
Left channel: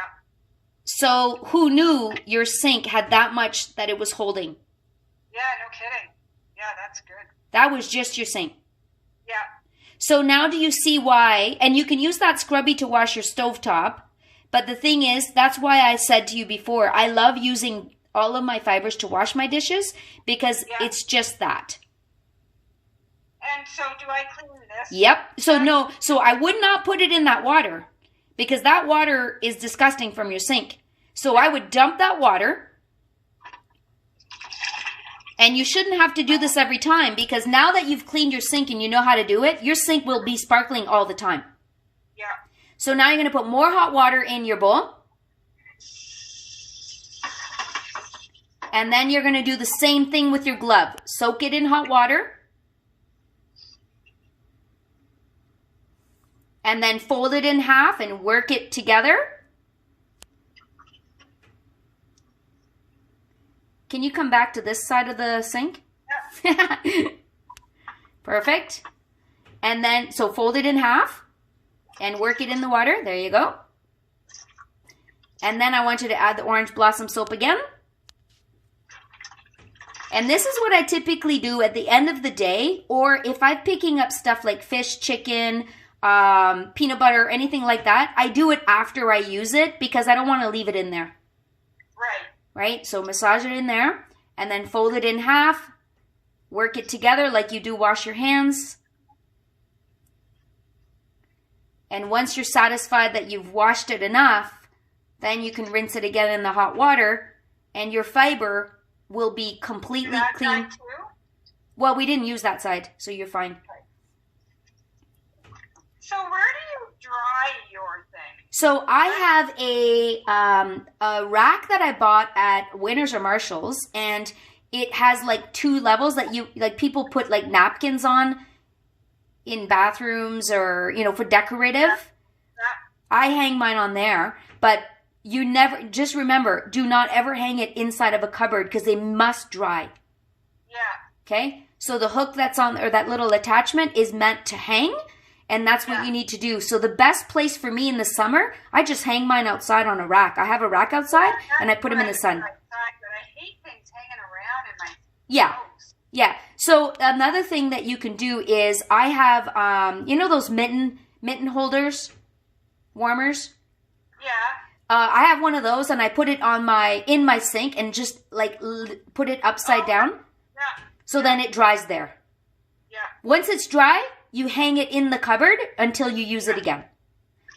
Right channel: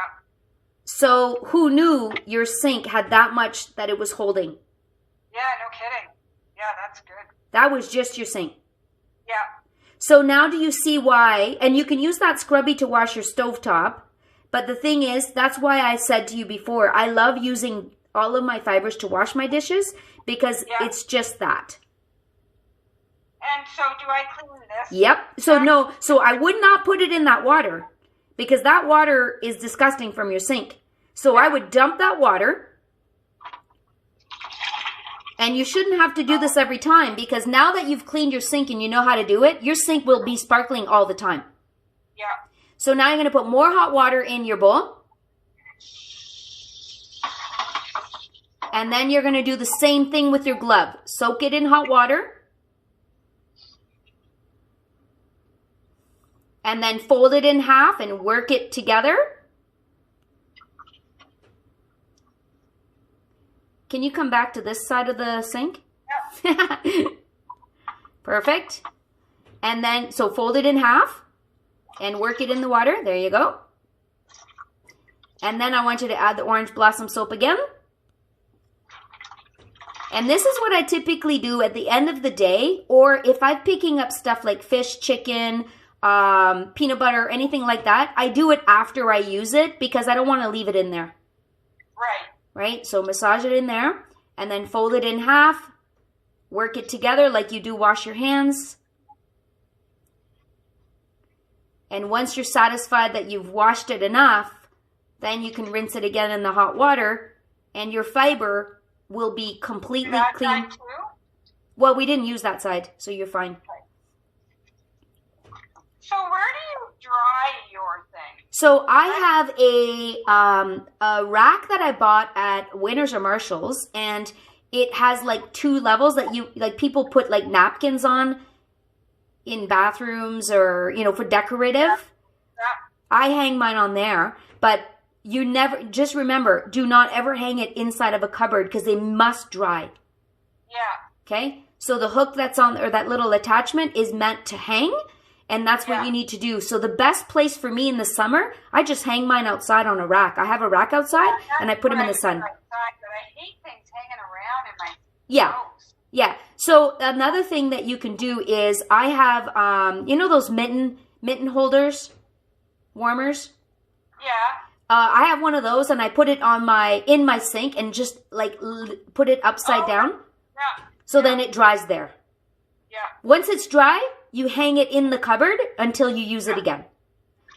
So who knew your sink had that much that it was holding? Yeah, no kidding. Yeah, that's good. That was just your sink. Yeah. So now do you see why? And you can use that scrubby to wash your stovetop. But the thing is, that's why I said to you before, I love using all of my fibers to wash my dishes because it's just that. And so do I clean this? Yep. So I would not put it in that water because that water is disgusting from your sink. So I would dump that water. And you shouldn't have to do this every time because now that you've cleaned your sink and you know how to do it, your sink will be sparkling all the time. Yeah. So now you're going to put more hot water in your bowl. And then you're going to do the same thing with your glove. Soak it in hot water. and then fold it in half and work it together. Can you come back to this side of the sink? Yep. Perfect. And then, so fold it in half and work it in the water. There you go. And then I want you to add the orange blossom soap again. And this is what I typically do at the end of the day, or if I'm picking up stuff like fish, chicken, peanut butter, anything like that, I do it after I use it because I don't want to leave it in there. Right. Right? So massage it in there and then fold it in half. Work it together like you do wash your hands. And once you're satisfied that you've washed it enough, then you can rinse it again in the hot water and your fiber will be completely That clean. side too? Well, we didn't use that side, so you're fine. So where do you dry your thing? So I have a rack that I bought at Winners or Marshalls, and it has like 2 levels that you, like people put like napkins on in bathrooms or, you know, for decorative. Yeah. I hang mine on there, but you never, just remember, do not ever hang it inside of a cupboard because they must dry. Yeah. Okay? So the hook that's on, or that little attachment is meant to hang, and that's what you need to do. So the best place for me in the summer, I just hang mine outside on a rack. I have a rack outside, and I put them in the sun. Outside, but I hate things hanging around in my Yeah. clothes. Yeah. So another thing that you can do is I have, you know those mitten holders, warmers? Yeah. I have one of those, and I put it on in my sink and just like put it upside down. Yeah. So then it dries there. Yeah. Once it's dry, you hang it in the cupboard until you use it again.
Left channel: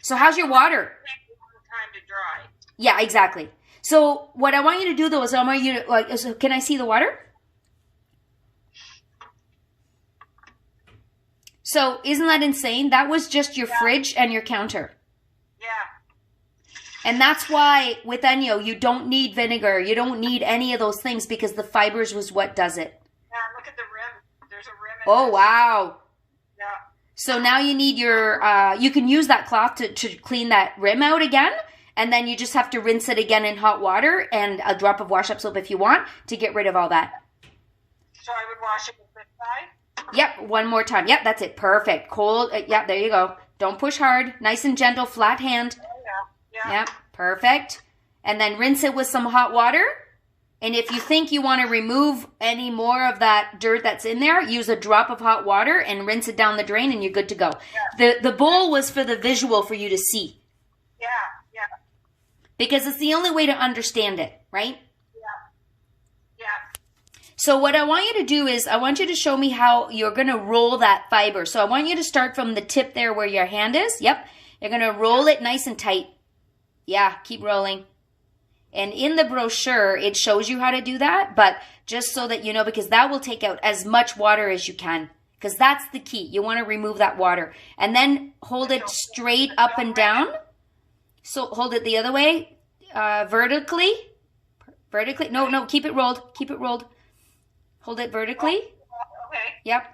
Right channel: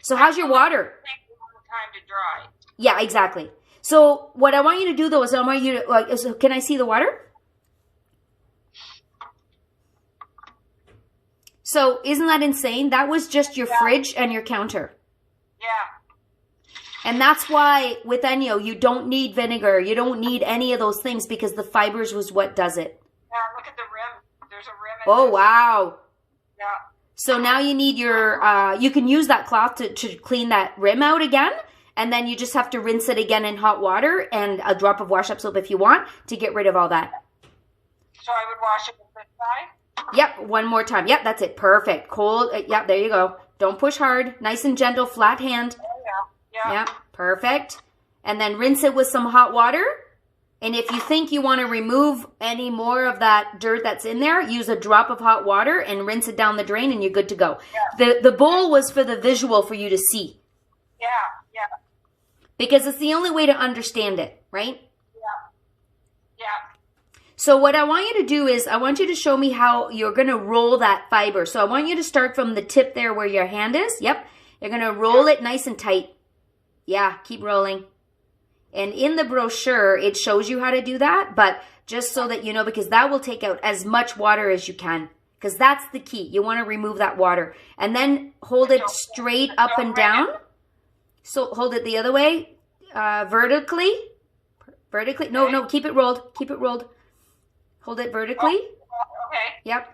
So how's your water? Take a long time to dry. Yeah, exactly. So what I want you to do though is I want you to, so can I see the water? So isn't that insane? That was just your fridge and your counter. Yeah. And that's why with ENJO, you don't need vinegar. You don't need any of those things because the fibers was what does it. Yeah, look at the rim. There's a rim in Oh, this. wow. Yeah. So now you need your, you can use that cloth to clean that rim out again. And then you just have to rinse it again in hot water and a drop of wash-up soap if you want to get rid of all that. So I would wash it with this side? Yep, one more time. Yep, that's it. Perfect. Cold. Yep, there you go. Don't push hard. Nice and gentle, flat hand. Oh, yeah. Yeah. Yep, perfect. And then rinse it with some hot water. And if you think you want to remove any more of that dirt that's in there, use a drop of hot water and rinse it down the drain and you're good to go. Yeah. The bowl was for the visual for you to see. Yeah. Yeah. Because it's the only way to understand it, right? Yeah. So what I want you to do is I want you to show me how you're going to roll that fiber. So I want you to start from the tip there where your hand is. Yep. You're going to roll it nice and tight. Yeah, keep rolling. And in the brochure, it shows you how to do that, but just so that you know, because that will take out as much water as you can, because that's the key. You want to remove that water. And then hold it straight up and down. So hold it the other way, vertically. Vertically. No, keep it rolled. Keep it rolled. Hold it vertically. Oh, okay. Yep.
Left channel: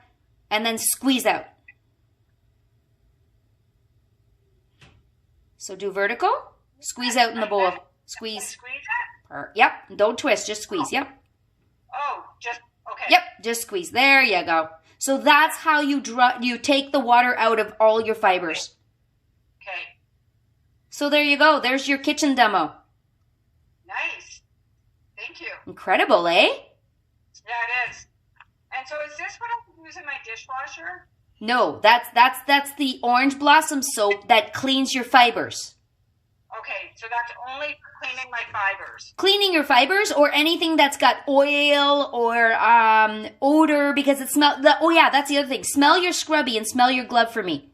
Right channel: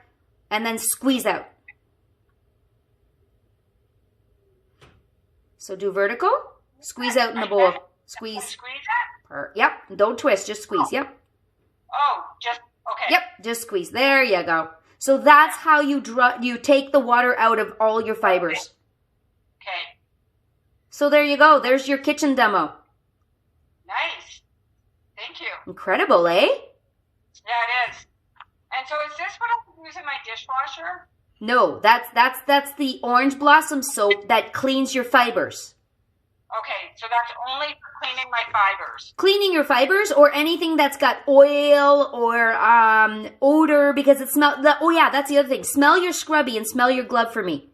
And then squeeze out. So do vertical. Squeeze out in the bowl. Squeeze. Squeeze it? Yep. Don't twist. Just squeeze. Yep. Oh, just, okay. Yep. Just squeeze. There you go. So that's how you take the water out of all your fibers. Okay. So there you go. There's your kitchen demo. Nice. Thank you. Incredible, eh? Yeah, it is. And so is this what I'm using my dishwasher? No, that's the orange blossom soap that cleans your fibers. Okay, so that's only for cleaning my fibers. Cleaning your fibers or anything that's got oil or odor because it smells. Oh yeah, that's the other thing. Smell your scrubby and smell your glove for me.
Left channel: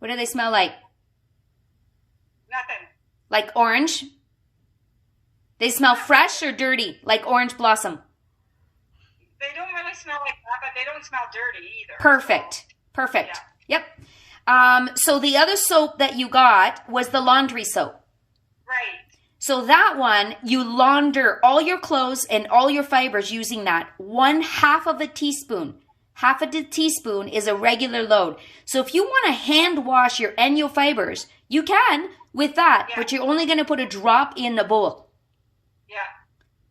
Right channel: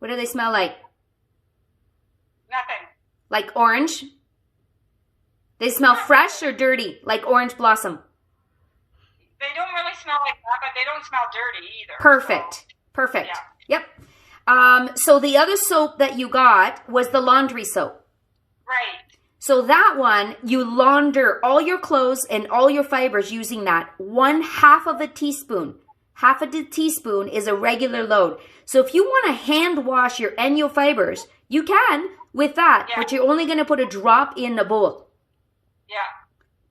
What do they smell like? Nothing. Like orange? They smell fresh or dirty, like orange blossom? They don't really smell like that, but they don't smell dirty either. Perfect. So, Perfect. yeah. Yep. So the other soap that you got was the laundry soap. Right. So that one, you launder all your clothes and all your fibers using that. 1/2 of a teaspoon. half a teaspoon is a regular load. So if you want to hand wash your ENJO fibers, you can with that, but you're only going to put a drop in a bowl. Yeah.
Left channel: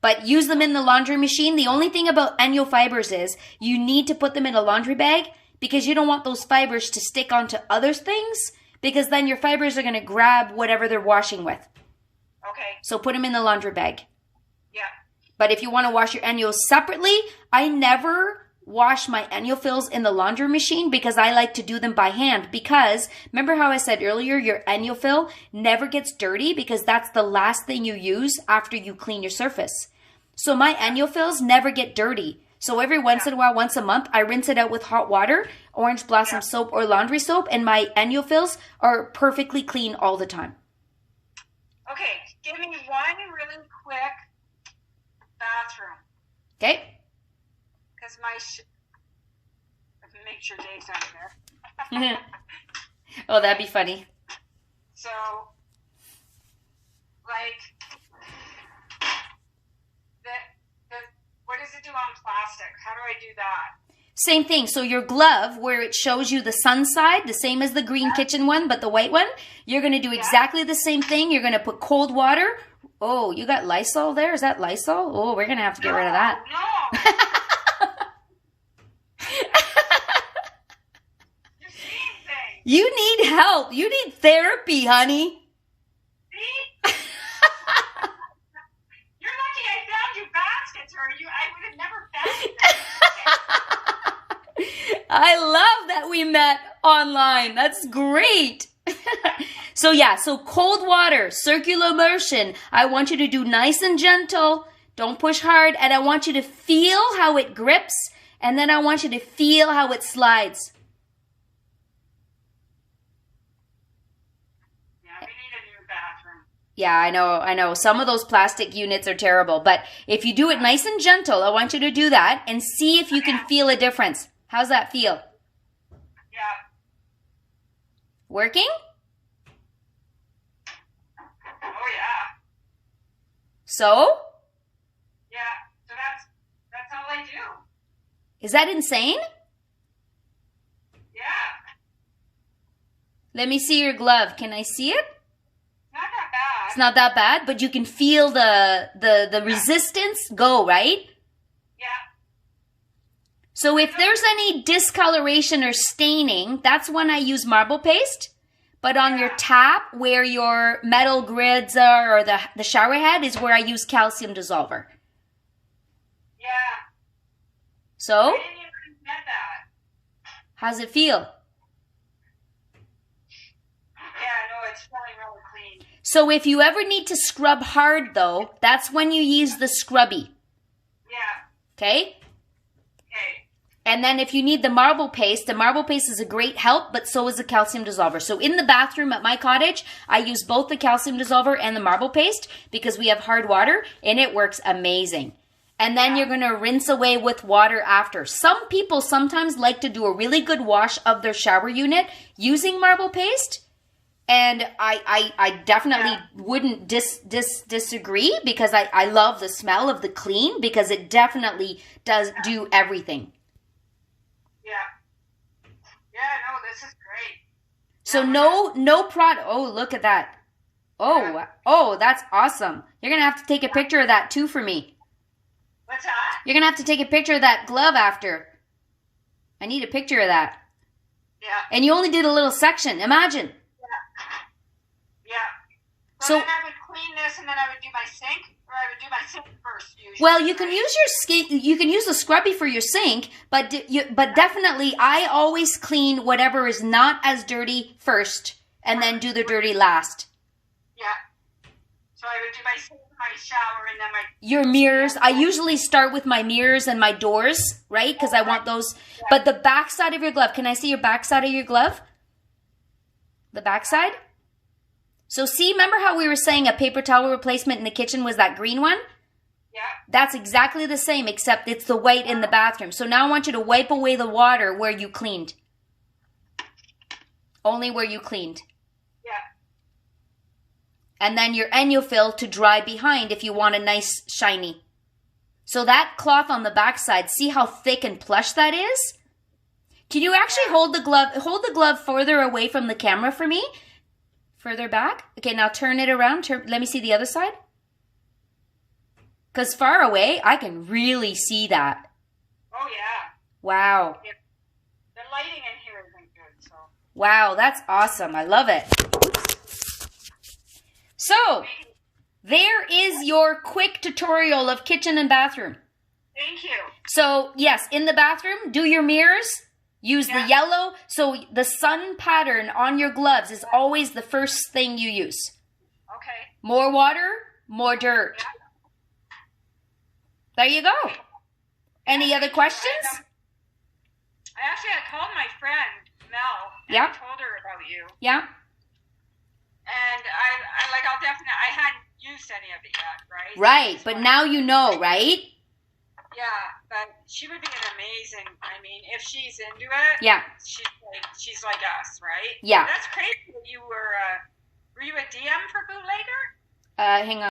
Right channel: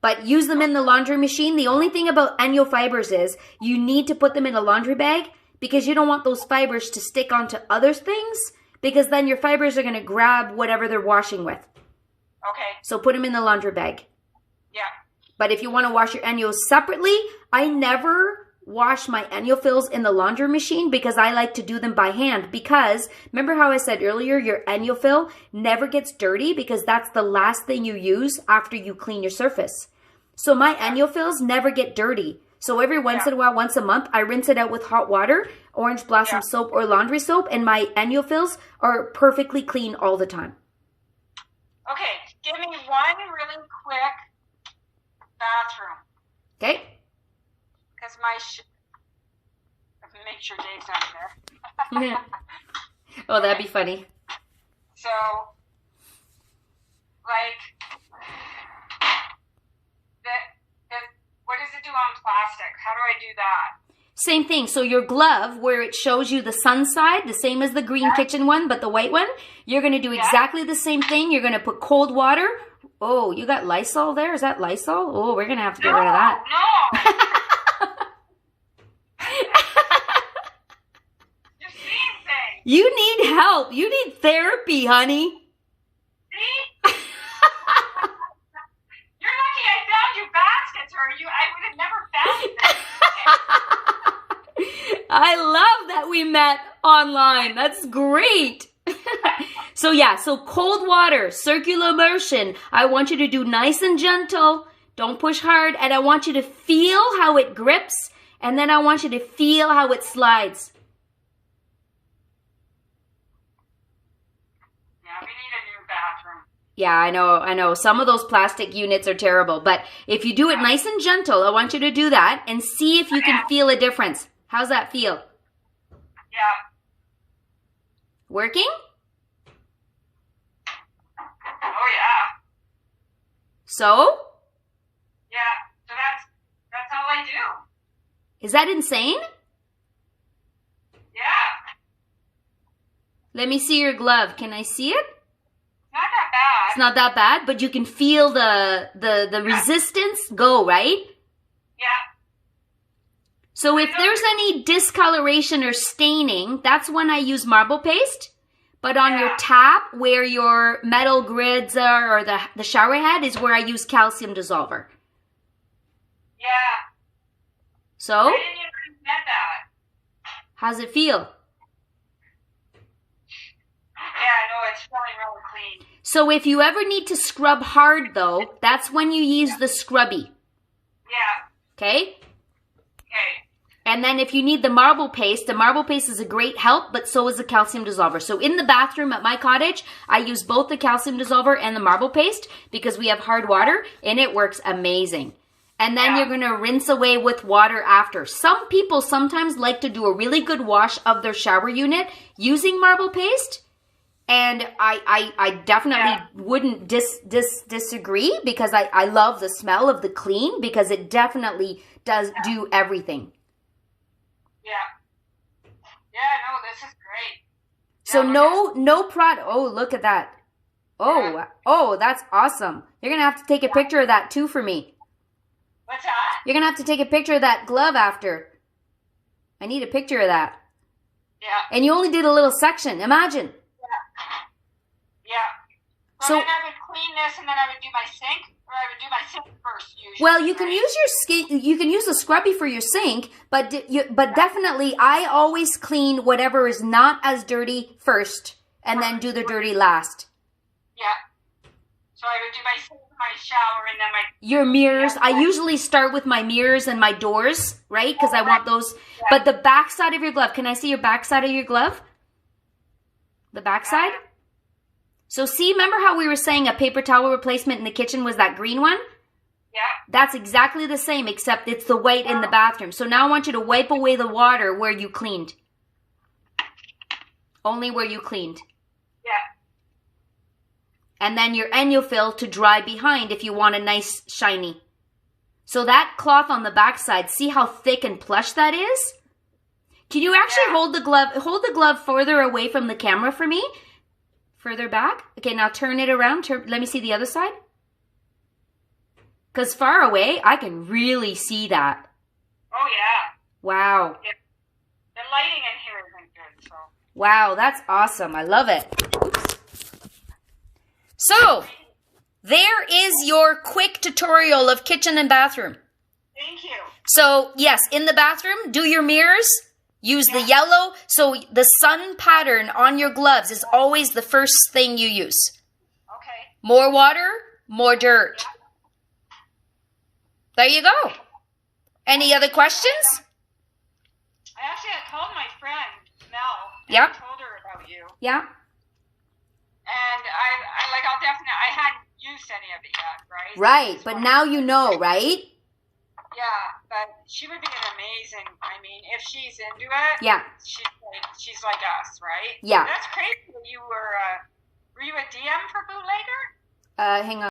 But use them in the laundry machine. The only thing about ENJO fibers is you need to put them in a laundry bag because you don't want those fibers to stick onto other things because then your fibers are going to grab whatever they're washing with. Okay. So put them in the laundry bag. Yeah. But if you want to wash your ENJOs separately, I never wash my ENJO fills in the laundry machine because I like to do them by hand because remember how I said earlier your ENJO fill never gets dirty because that's the last thing you use after you clean your surface. So my ENJO fills never get dirty. So every once in a while, once a month, I rinse it out with hot water, orange blossom soap or laundry soap, and my ENJO fills are perfectly clean all the time. Okay, give me one really quick bathroom. Okay. Because make sure Dave's not there. Oh, that'd be funny. So, like, what does it do on plastic? How do I do that? Same thing. So your glove, where it shows you the sun side, the same as the green kitchen one, but the white one, you're going to do exactly the same thing. You're going to put cold water. Oh, you got Lysol there? Is that Lysol? Oh, we're going to have to get rid of that. No. You're seeing things. You need help. You need therapy, honey. See? You're lucky I found you baskets, or I would have never found you. I love that we met online. That's great. So yeah, so cold water, circular motion. I want you to do nice and gentle. Don't push hard. And I want you to feel how it grips. And then I want you to feel how it slides. Yeah, we need a new bathroom. Yeah, I know. Some of those plastic units are terrible. But if you do it nice and gentle, I want you to do that and see if you can feel a difference. How's that feel? Yeah. Working? Oh, yeah. So? Yeah, so that's all I do. Is that insane? Yeah. Let me see your glove. Can I see it? Not that bad. It's not that bad, but you can feel the resistance go, right? Yeah. So if there's any discoloration or staining, that's when I use marble paste. But on your tap, where your metal grids are, or the shower head, is where I use calcium dissolver. Yeah. So? I didn't even get that. How's it feel? Yeah, no, it's feeling really clean. So if you ever need to scrub hard, though, that's when you use the scrubby. Yeah. Okay? Okay. And then if you need the marble paste is a great help, but so is the calcium dissolver. So in the bathroom at my cottage, I use both the calcium dissolver and the marble paste because we have hard water, and it works amazing. And then you're going to rinse away with water after. Some people sometimes like to do a really good wash of their shower unit using marble paste. And I definitely wouldn't disagree because I love the smell of the clean because it definitely does do everything. Yeah. Yeah, no, this is great. So no product. Oh, look at that. Oh, that's awesome. You're going to have to take a picture of that too for me. What's that? You're going to have to take a picture of that glove after. I need a picture of that. Yeah. And you only did a little section. Imagine. Yeah. So then I would clean this and then I would do my sink, or I would do my sink first usually. Well, you can use you can use the scrubby for your sink, but definitely I always clean whatever is not as dirty first and then do the dirty last. Yeah. So I would do my sink, my shower, and then your mirrors. I usually start with my mirrors and my doors, right? Because I want those. Yeah. But the back side of your glove, can I see your back side of your glove? The back side? So see, remember how we were saying a paper towel replacement in the kitchen was that green one? Yeah. That's exactly the same, except it's the white in the bathroom. So now I want you to wipe away the water where you cleaned. Only where you cleaned. Yeah. And then your ENJO fill to dry behind if you want a nice shiny. So that cloth on the back side, see how thick and plush that is? Can you actually hold the glove further away from the camera for me? Further back? Okay, now turn it around. Let me see the other side. Because far away, I can really see that. Oh, yeah. Wow. Yeah. The lighting in here isn't good, so. Wow, that's awesome. I love it. So, there is your quick tutorial of kitchen and bathroom. Thank you. So, yes, in the bathroom, do your mirrors. Use the yellow. So, the sun pattern on your gloves is always the first thing you use. Okay. More water, more dirt. Yeah. There you go. Any other questions? I called my friend, Mel, and Yep. I told her about you. Yeah. And I hadn't used any of it yet, right? Right, but now you know, right? Yeah, but she would be an amazing, if she's into it. Yeah. She's like us, right? Yeah. That's crazy that you were you a DM for Bootlegger? Hang